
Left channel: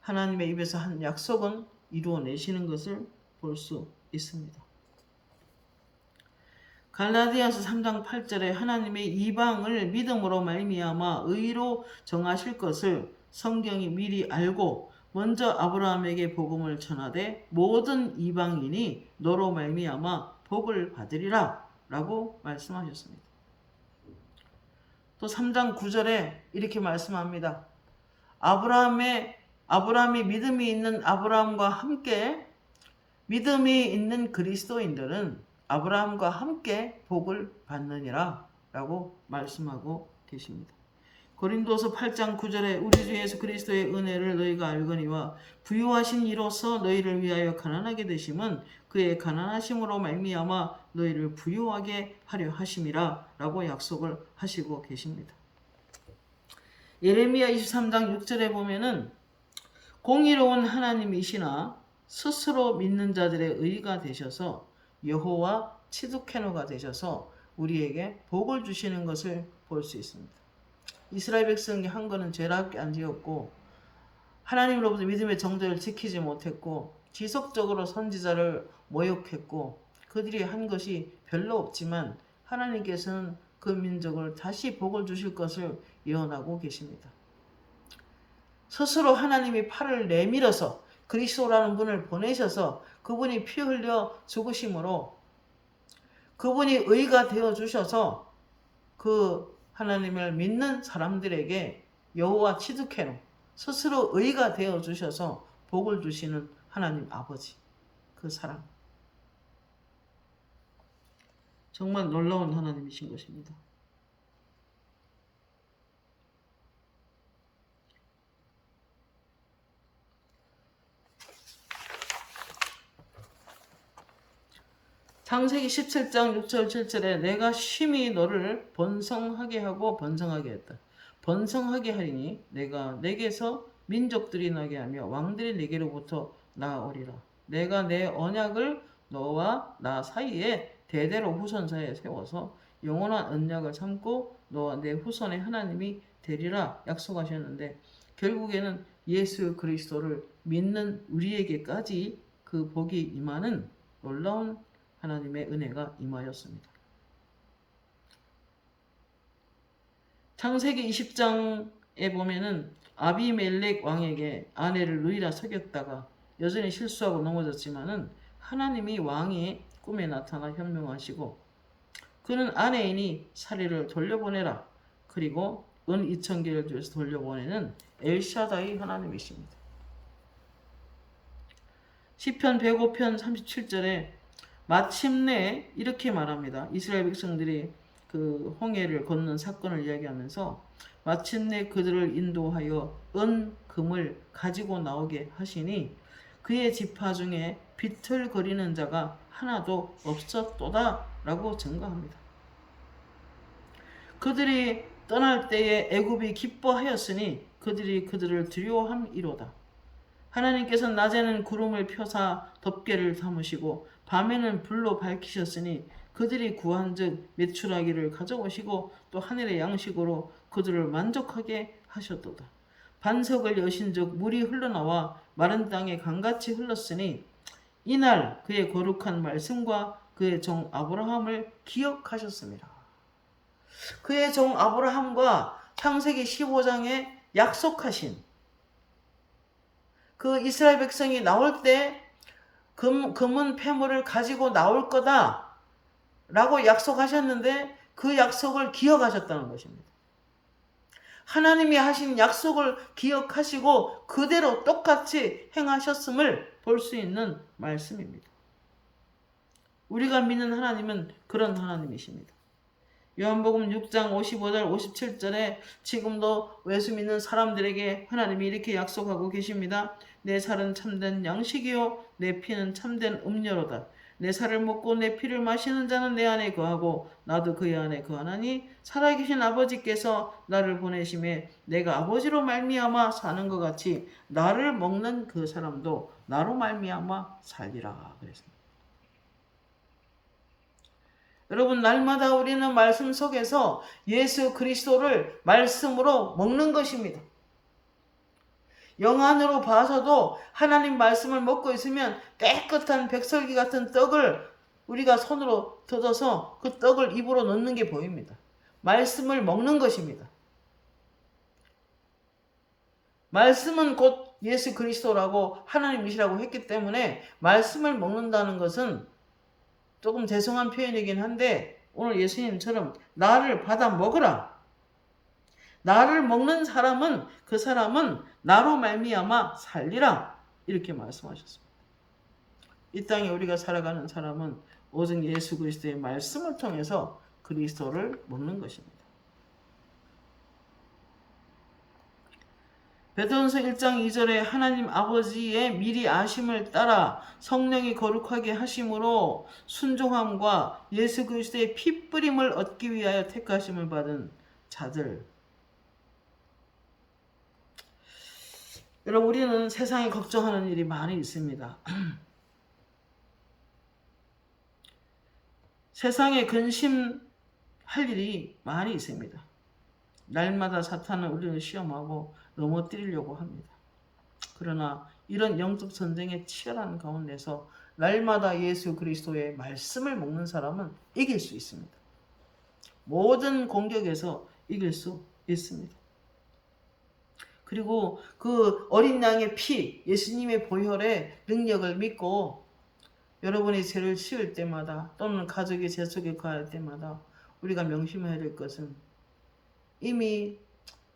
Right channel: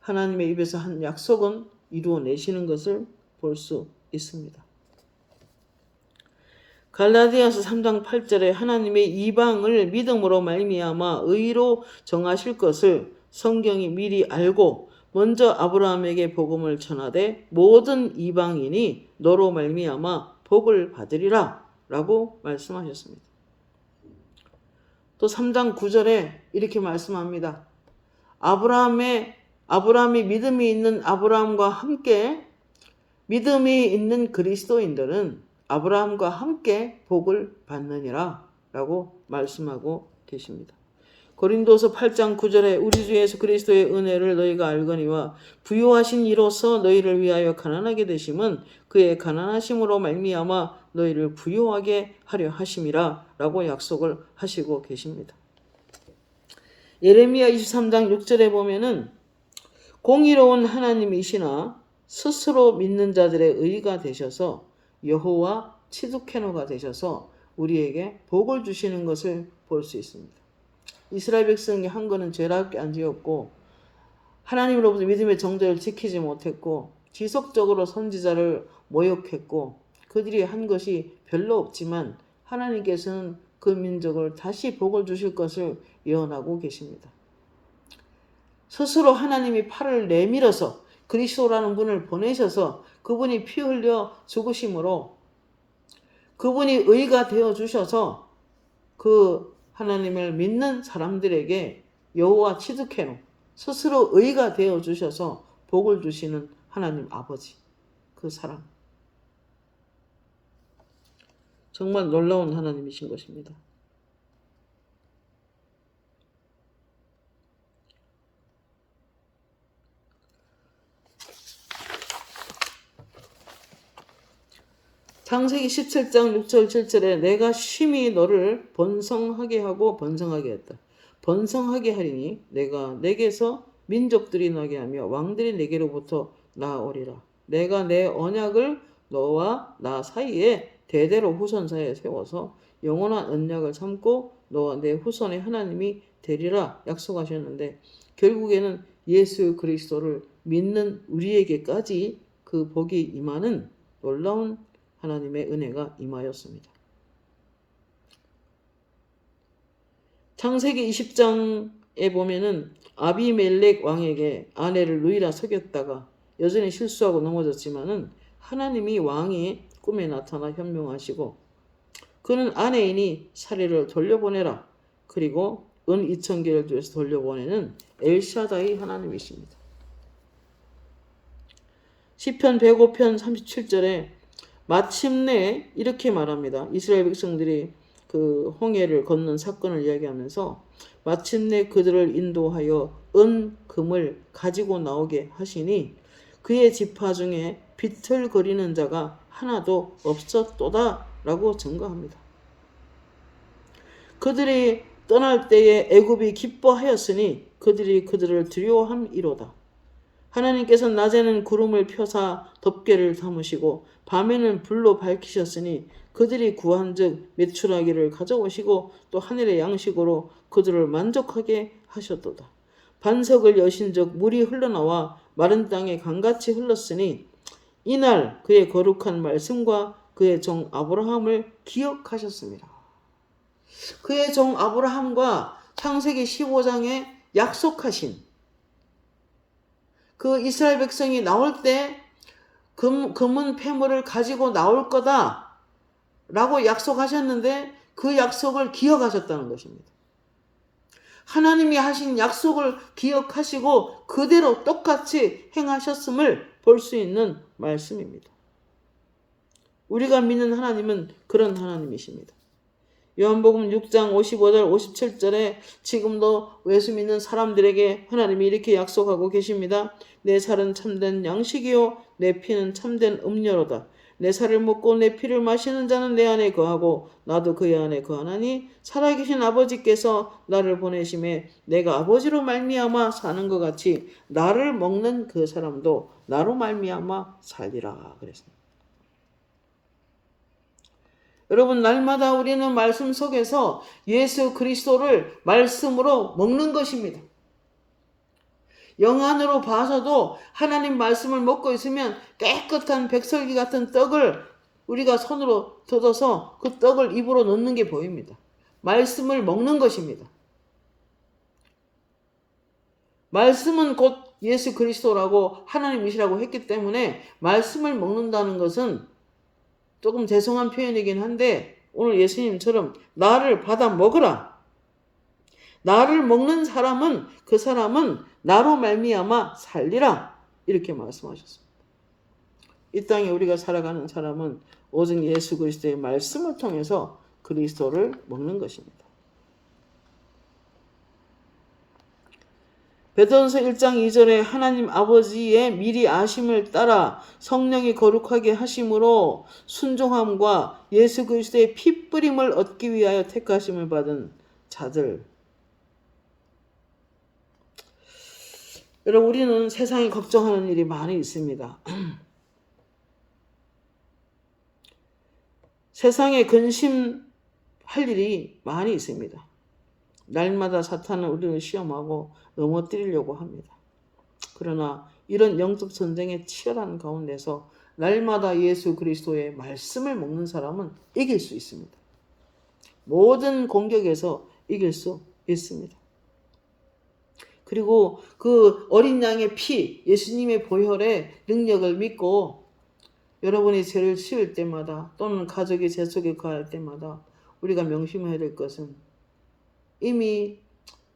하나님의 입에서 한 약속은 이루어내시는 것을 볼 수 있습니다. 갈라디아서 3장 8절에 하나님의 이방을 믿음으로 말미암아 의로 정하실 것을 성경이 미리 알고 먼저 아브라함에게 복음을 전하되 모든 이방인이 너로 말미암아 복을 받으리라 라고 말씀하셨습니다. 또 3장 9절에 이렇게 말씀합니다. 아브라함이 믿음이 있는 아브라함과 함께 믿음이 있는 그리스도인들은 아브라함과 함께 복을 받느니라 라고 말씀하고 계십니다. 고린도서 8장 9절에 우리 주 예수 그리스도의 은혜를 너희가 알거니와 부요하신 이로써 너희를 위하여 가난하게 되심은 그의 가난하심으로 말미암아 너희를 부요하게 하려 하심이라 라고 약속을 하시고 계십니다. 예레미야 23장 6절에 보면은 공의로운 하나님이시나 스스로 믿는 자들의 의가 되셔서 여호와 치두케노가 되셔서 우리에게 복을 주시는 것을 볼 수 있습니다. 이스라엘 백성이 한 거는 죄밖에 안 지었고 하나님으로부터 믿음의 정죄를 지키지 못했고 지속적으로 선지자를 모욕했고 그들이 한 것이 별로 없지만 하나님께서는 그 민족을 다시 복을 주실 것을 예언하고 계십니다. 스스로 하나님이 팔을 내밀어서 그리스도라는 분을 보내셔서 그분이 피 흘려 죽으심으로 그분이 의가 되어 주셔서 그 하나님을 믿는 사람들에게 여호와 치드케노 스스로 의가 되어 주셔서 복을 주시는 하나님 아버지, 그 사랑, 정말 놀라운 하나님이신 것입니다. 창세기 17장 6절 7절에 내가 심히 너를 번성하게 하고 번성하게 했다. 번성하게 하리니 내가 내게서 민족들이 나게 하며 왕들이 내게로부터 나오리라. 내가 내 언약을 너와 나 사이에 대대로 후손 사이에 세워서 영원한 언약을 삼고 너와 내 후손의 하나님이 되리라 약속하셨는데 결국에는 예수 그리스도를 믿는 우리에게까지 그 복이 임하는 놀라운 하나님의 은혜가 임하였습니다. 창세기 20장에 보면은 아비멜렉 왕에게 아내를 누이라 속였다가 여전히 실수하고 넘어졌지만은 하나님이 왕의 꿈에 나타나 현명하시고 그는 아내이니 사례를 돌려보내라. 그리고 은 2,000개를 주어서 돌려보내는 엘샤다이 하나님이십니다. 시편 105편 37절에 마침내 이렇게 말합니다. 이스라엘 백성들이 그 홍해를 건넌 사건을 이야기하면서 마침내 그들을 인도하여 은, 금을 가지고 나오게 하시니 그의 지파 중에 비틀거리는 자가 하나도 없었도다 라고 증거합니다. 그들이 떠날 때에 애굽이 기뻐하였으니 그들이 그들을 두려워함이로다. 하나님께서는 낮에는 구름을 펴사 덮개를 담으시고 밤에는 불로 밝히셨으니 그들이 구한즉 메추라기를 가져오시고 또 하늘의 양식으로 그들을 만족하게 하셨도다. 반석을 여신즉 물이 흘러나와 마른 땅에 강같이 흘렀으니 이날 그의 거룩한 말씀과 그의 종 아브라함을 기억하셨습니다. 그의 종 아브라함과 창세기 15장에 약속하신 그 이스라엘 백성이 나올 때 금은 폐물을 가지고 나올 거다 라고 약속하셨는데 그 약속을 기억하셨다는 것입니다. 하나님이 하신 약속을 기억하시고 그대로 똑같이 행하셨음을 볼 수 있는 말씀입니다. 우리가 믿는 하나님은 그런 하나님이십니다. 요한복음 6장 55절 57절에 지금도 예수 믿는 사람들에게 하나님이 이렇게 약속하고 계십니다. 내 살은 참된 양식이요 내 피는 참된 음료로다. 내 살을 먹고 내 피를 마시는 자는 내 안에 거하고 나도 그의 안에 거하나니 살아계신 아버지께서 나를 보내심에 내가 아버지로 말미암아 사는 것 같이 나를 먹는 그 사람도 나로 말미암아 살리라 그랬습니다. 여러분, 날마다 우리는 말씀 속에서 예수 그리스도를 말씀으로 먹는 것입니다. 영안으로 봐서도 하나님 말씀을 먹고 있으면 깨끗한 백설기 같은 떡을 우리가 손으로 뜯어서 그 떡을 입으로 넣는 게 보입니다. 말씀을 먹는 것입니다. 말씀은 곧 예수 그리스도라고 하나님이시라고 했기 때문에 말씀을 먹는다는 것은 조금 죄송한 표현이긴 한데 오늘 예수님처럼 나를 받아 먹으라. 나를 먹는 사람은 그 사람은 나로 말미암아 살리라. 이렇게 말씀하셨습니다. 이 땅에 우리가 살아가는 사람은 오직 예수 그리스도의 말씀을 통해서 그리스도를 먹는 것입니다. 베드로전서 1장 2절에 하나님 아버지의 미리 아심을 따라 성령이 거룩하게 하심으로 순종함과 예수 그리스도의 피 뿌림을 얻기 위하여 택하심을 받은 자들. 여러분, 우리는 세상에 걱정하는 일이 많이 있습니다. 세상에 근심할 일이 많이 있습니다. 날마다 사탄은 우리를 시험하고 넘어뜨리려고 합니다. 그러나 이런 영적 전쟁의 치열한 가운데서 날마다 예수 그리스도의 말씀을 먹는 사람은 이길 수 있습니다. 모든 공격에서 이길 수 있습니다. 그리고 그 어린 양의 피, 예수님의 보혈의 능력을 믿고 여러분이 죄를 지을 때마다 또는 가족이 죄 속에 거할 때마다 우리가 명심해야 될 것은 이미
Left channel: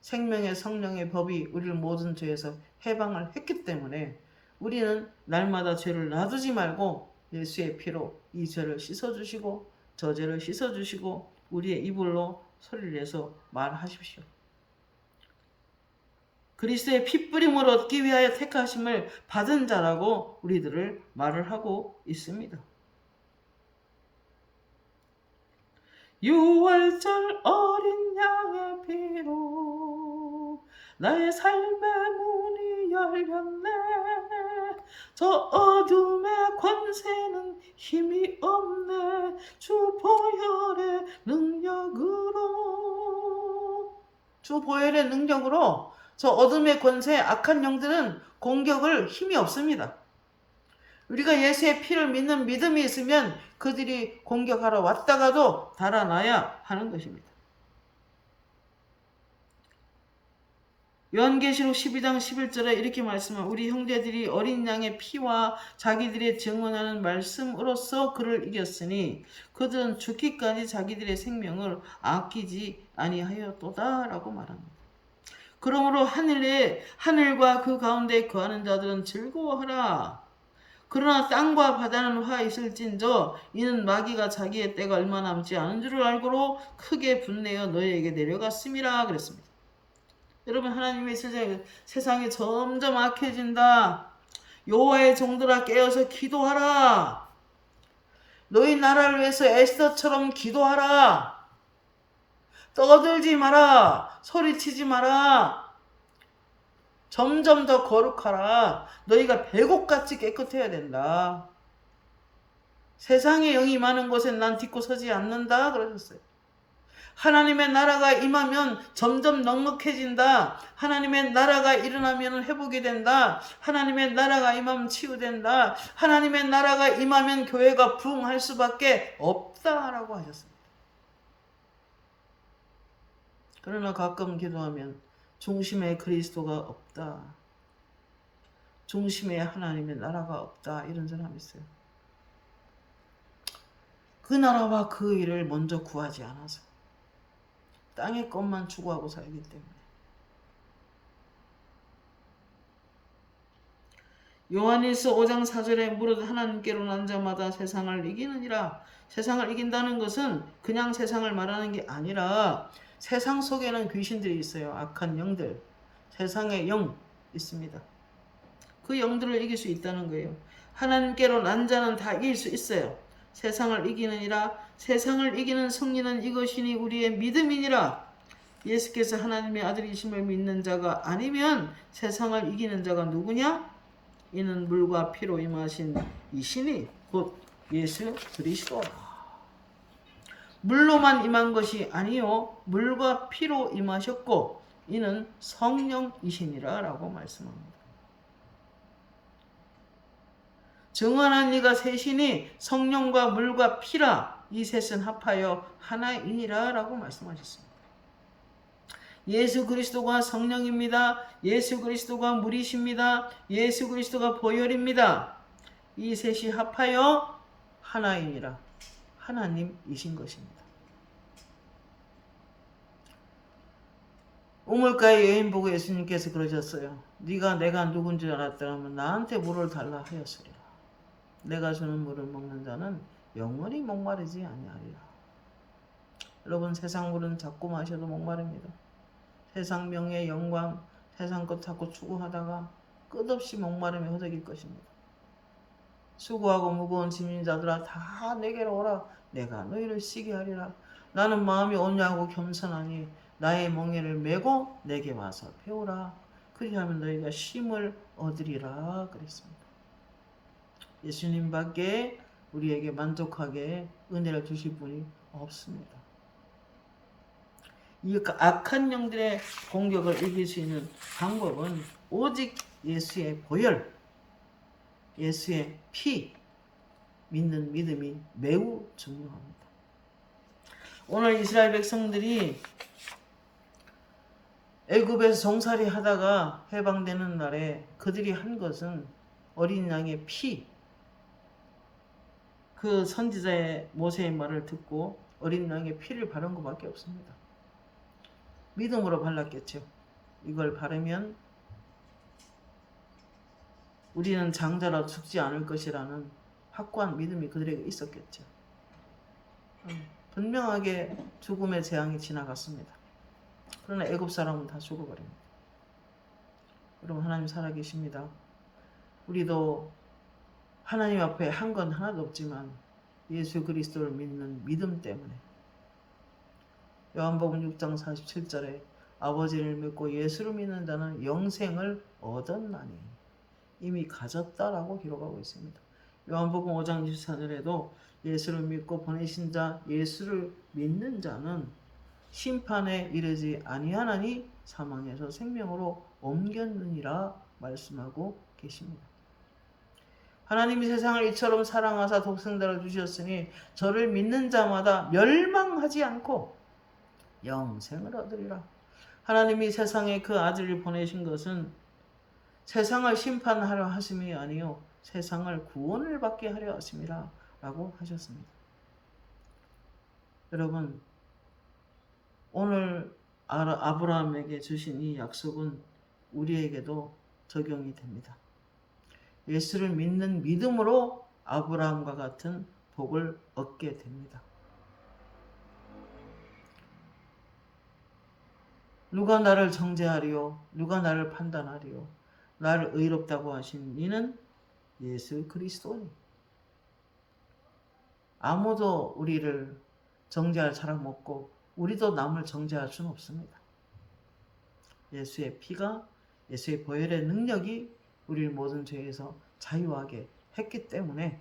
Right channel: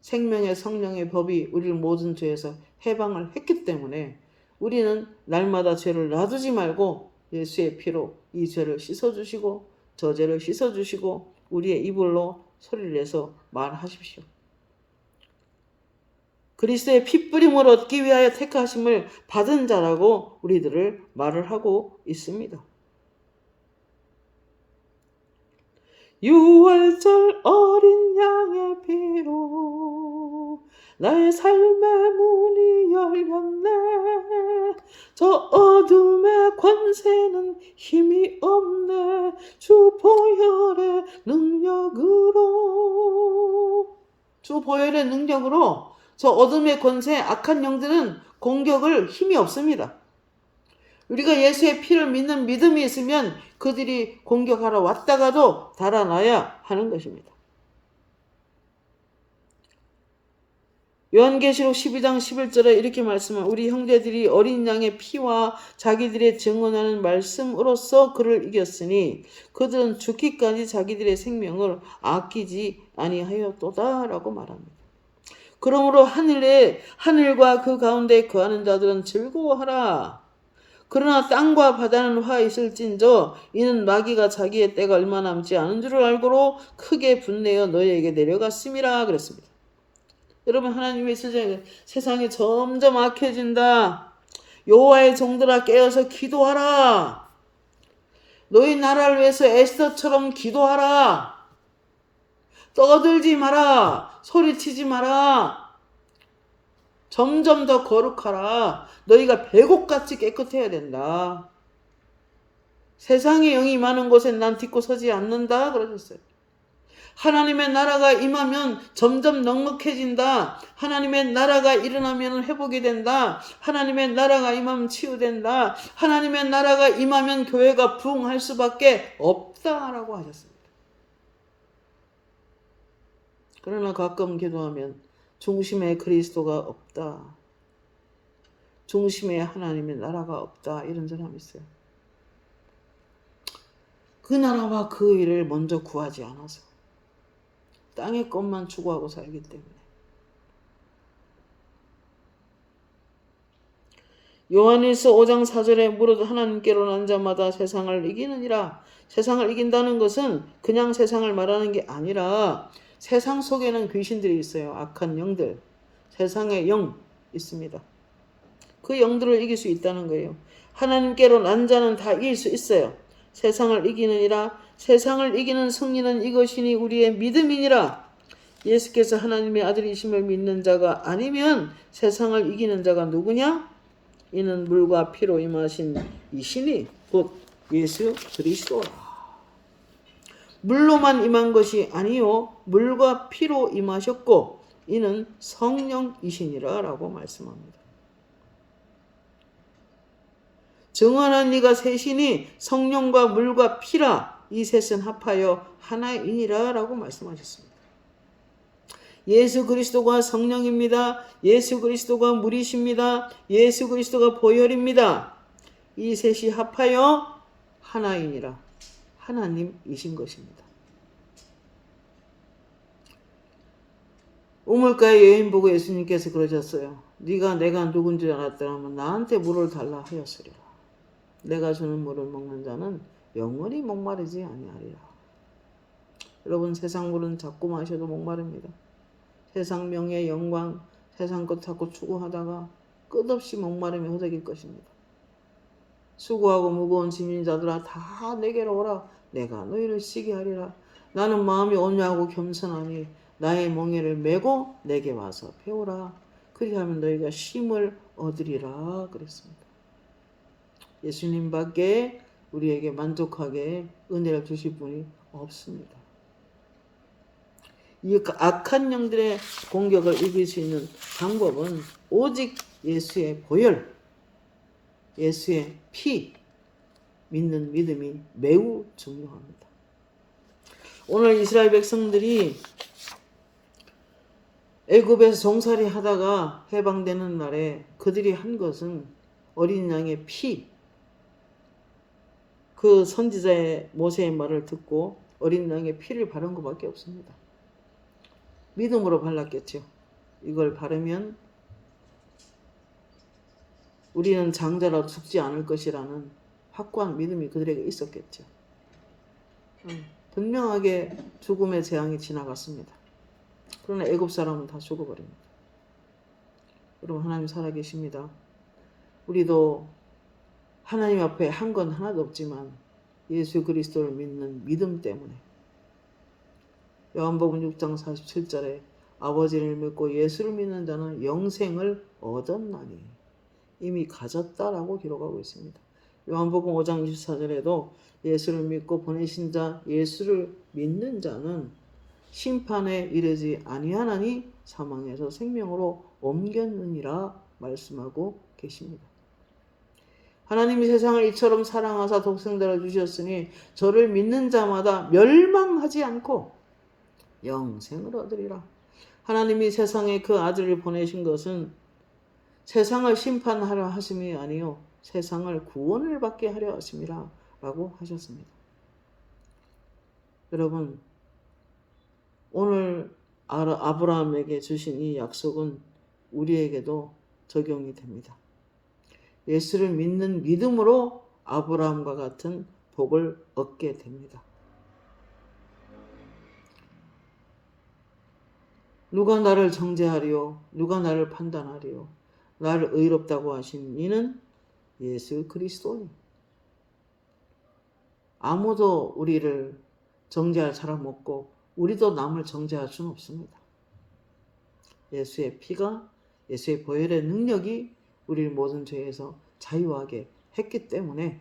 생명의 성령의 법이 우리를 모든 죄에서 해방을 했기 때문에 우리는 날마다 죄를 놔두지 말고 예수의 피로 이 죄를 씻어주시고 저 죄를 씻어주시고 우리의 입으로 소리를 내서 말하십시오. 그리스도의 핏뿌림을 얻기 위하여 택하심을 받은 자라고 우리들을 말을 하고 있습니다. 6월절 어린 양의 피로 나의 삶의 문이 열렸네. 저 어둠의 권세는 힘이 없네. 주 보혈의 능력으로 저 어둠의 권세, 악한 영들은 공격을 힘이 없습니다. 우리가 예수의 피를 믿는 믿음이 있으면 그들이 공격하러 왔다가도 달아나야 하는 것입니다. 요한계시록 12장 11절에 이렇게 말씀한 우리 형제들이 어린 양의 피와 자기들의 증언하는 말씀으로써 그를 이겼으니 그들은 죽기까지 자기들의 생명을 아끼지 아니하였도다 라고 말합니다. 그러므로 하늘과 그 가운데 거하는 자들은 즐거워하라. 그러나 땅과 바다는 화 있을진저 이는 마귀가 자기의 때가 얼마 남지 않은 줄을 알고로 크게 분내어 너희에게 내려갔음이라 그랬습니다. 여러분, 하나님의 세상이 점점 악해진다. 여호와의 종들아 깨어서 기도하라. 너희 나라를 위해서 에스더처럼 기도하라. 떠들지 마라. 소리치지 마라. 점점 더 거룩하라. 너희가 배곡같이 깨끗해야 된다. 세상의 영이 많은 곳에 난 딛고 서지 않는다 그러셨어요. 하나님의 나라가 임하면 점점 넉넉해진다. 하나님의 나라가 일어나면 회복이 된다. 하나님의 나라가 임하면 치유된다. 하나님의 나라가 임하면 교회가 부흥할 수밖에 없다라고 하셨습니다. 그러나 가끔 기도하면 중심에 그리스도가 없다. 중심에 하나님의 나라가 없다. 이런 사람이 있어요. 그 나라와 그 일을 먼저 구하지 않아서 땅의 것만 추구하고 살기 때문에. 요한일서 5장 4절에 무릇 하나님께로 난 자마다 세상을 이기느니라. 세상을 이긴다는 것은 그냥 세상을 말하는 게 아니라 세상 속에는 귀신들이 있어요. 악한 영들. 세상의 영 있습니다. 그 영들을 이길 수 있다는 거예요. 하나님께로 난 자는 다 이길 수 있어요. 세상을 이기느니라. 세상을 이기는 승리는 이것이니 우리의 믿음이니라. 예수께서 하나님의 아들이심을 믿는 자가 아니면 세상을 이기는 자가 누구냐? 이는 물과 피로 임하신 이신이 곧 예수 그리스도라. 물로만 임한 것이 아니요 물과 피로 임하셨고 이는 성령이시니라 라고 말씀합니다. 정하는 이가 셋이니 성령과 물과 피라. 이 셋은 합하여 하나이니라 라고 말씀하셨습니다. 예수 그리스도가 성령입니다. 예수 그리스도가 물이십니다. 예수 그리스도가 보혈입니다. 이 셋이 합하여 하나이니라. 하나님이신 것입니다. 우물가의 여인 보고 예수님께서 그러셨어요. 네가 내가 누군지 알았더라면 나한테 물을 달라 하였으리라. 내가 주는 물을 먹는 자는 영원히 목마르지 아니하리라. 여러분, 세상 물은 자꾸 마셔도 목마릅니다. 세상 명예 영광, 세상 것 자꾸 추구하다가 끝없이 목마름에 허덕일 것입니다. 수고하고 무거운 짐진 자들아 다 내게로 오라. 내가 너희를 쉬게 하리라. 나는 마음이 온유하고 겸손하니 나의 멍에를 메고 내게 와서 배우라. 그리하면 너희가 쉼을 얻으리라 그랬습니다. 예수님 밖에 우리에게 만족하게 은혜를 주실 분이 없습니다. 이 악한 영들의 공격을 이길 수 있는 방법은 오직 예수의 보혈, 예수의 피 믿는 믿음이 매우 중요합니다. 오늘 이스라엘 백성들이 애굽에서 종살이 하다가 해방되는 날에 그들이 한 것은 어린 양의 피, 그 선지자의 모세의 말을 듣고 어린 양의 피를 바른 것밖에 없습니다. 믿음으로 발랐겠죠. 이걸 바르면 우리는 장자라 죽지 않을 것이라는 확고한 믿음이 그들에게 있었겠죠. 분명하게 죽음의 재앙이 지나갔습니다. 그러나 애굽 사람은 다 죽어버립니다. 여러분, 하나님 살아계십니다. 우리도 하나님 앞에 한 건 하나도 없지만 예수 그리스도를 믿는 믿음 때문에 요한복음 6장 47절에 아버지를 믿고 예수를 믿는 자는 영생을 얻었나니 이미 가졌다라고 기록하고 있습니다. 요한복음 5장 24절에도 예수를 믿고 보내신 자 예수를 믿는 자는 심판에 이르지 아니하나니 사망에서 생명으로 옮겼느니라 말씀하고 계십니다. 하나님이 세상을 이처럼 사랑하사 독생자를 주셨으니 저를 믿는 자마다 멸망하지 않고 영생을 얻으리라. 하나님이 세상에 그 아들을 보내신 것은 세상을 심판하려 하심이 아니요 세상을 구원을 받게 하려 하심이라 라고 하셨습니다. 여러분, 오늘 아브라함에게 주신 이 약속은 우리에게도 적용이 됩니다. 예수를 믿는 믿음으로 아브라함과 같은 복을 얻게 됩니다. 누가 나를 정죄하리요? 누가 나를 판단하리요? 나를 의롭다고 하신 이는 예수 그리스도니. 아무도 우리를 정죄할 사람 없고 우리도 남을 정죄할 수는 없습니다. 예수의 피가, 예수의 보혈의 능력이 우리를 모든 죄에서 자유하게 했기 때문에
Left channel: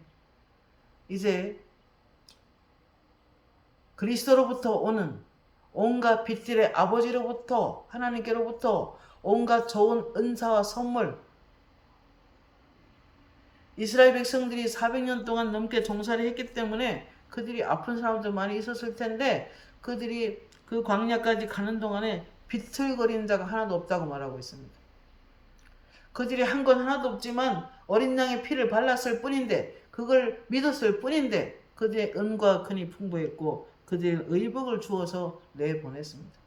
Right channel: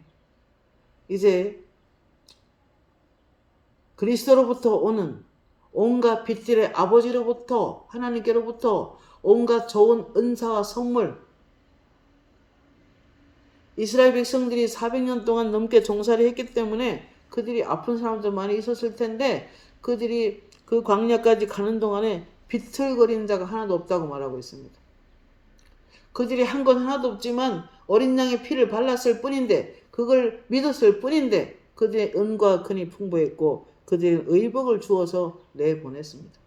이제 그리스도로부터 오는 온갖 빛들의 아버지로부터 하나님께로부터 온갖 좋은 은사와 선물, 이스라엘 백성들이 400년 동안 넘게 종살이 했기 때문에 그들이 아픈 사람들 많이 있었을 텐데 그들이 그 광야까지 가는 동안에 비틀거리는 자가 하나도 없다고 말하고 있습니다. 그들이 한 건 하나도 없지만 어린 양의 피를 발랐을 뿐인데 그걸 믿었을 뿐인데 그들의 은과 근이 풍부했고 그들의 의복을 주어서 내보냈습니다.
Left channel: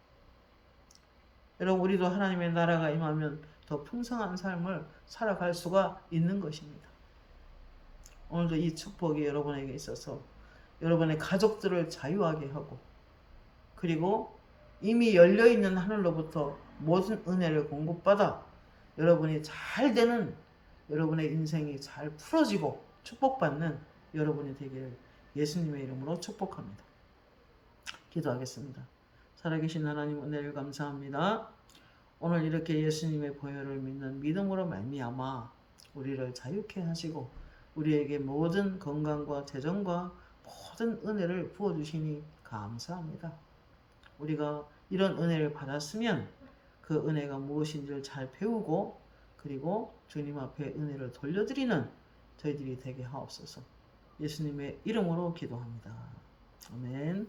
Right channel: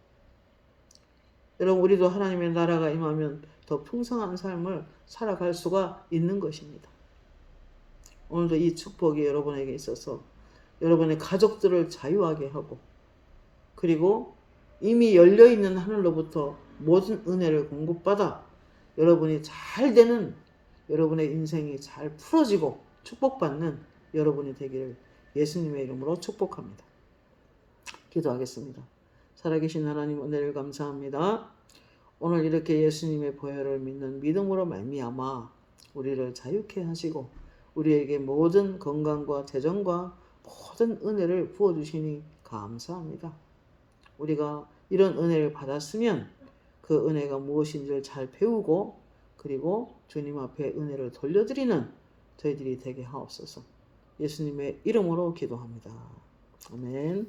여러분, 우리도 하나님의 나라가 임하면 더 풍성한 삶을 살아갈 수가 있는 것입니다. 오늘도 이 축복이 여러분에게 있어서 여러분의 가족들을 자유하게 하고 그리고 이미 열려있는 하늘로부터 모든 은혜를 공급받아 여러분이 잘 되는, 여러분의 인생이 잘 풀어지고 축복받는 여러분이 되기를 예수님의 이름으로 축복합니다. 기도하겠습니다. 살아계신 하나님, 은혜를 감사합니다. 오늘 이렇게 예수님의 보혈을 믿는 믿음으로 말미암아 우리를 자유케 하시고 우리에게 모든 건강과 재정과 모든 은혜를 부어주시니 감사합니다. 우리가 이런 은혜를 받았으면 그 은혜가 무엇인지를 잘 배우고 그리고 주님 앞에 은혜를 돌려드리는 저희들이 되게 하옵소서. 예수님의 이름으로 기도합니다. 아멘.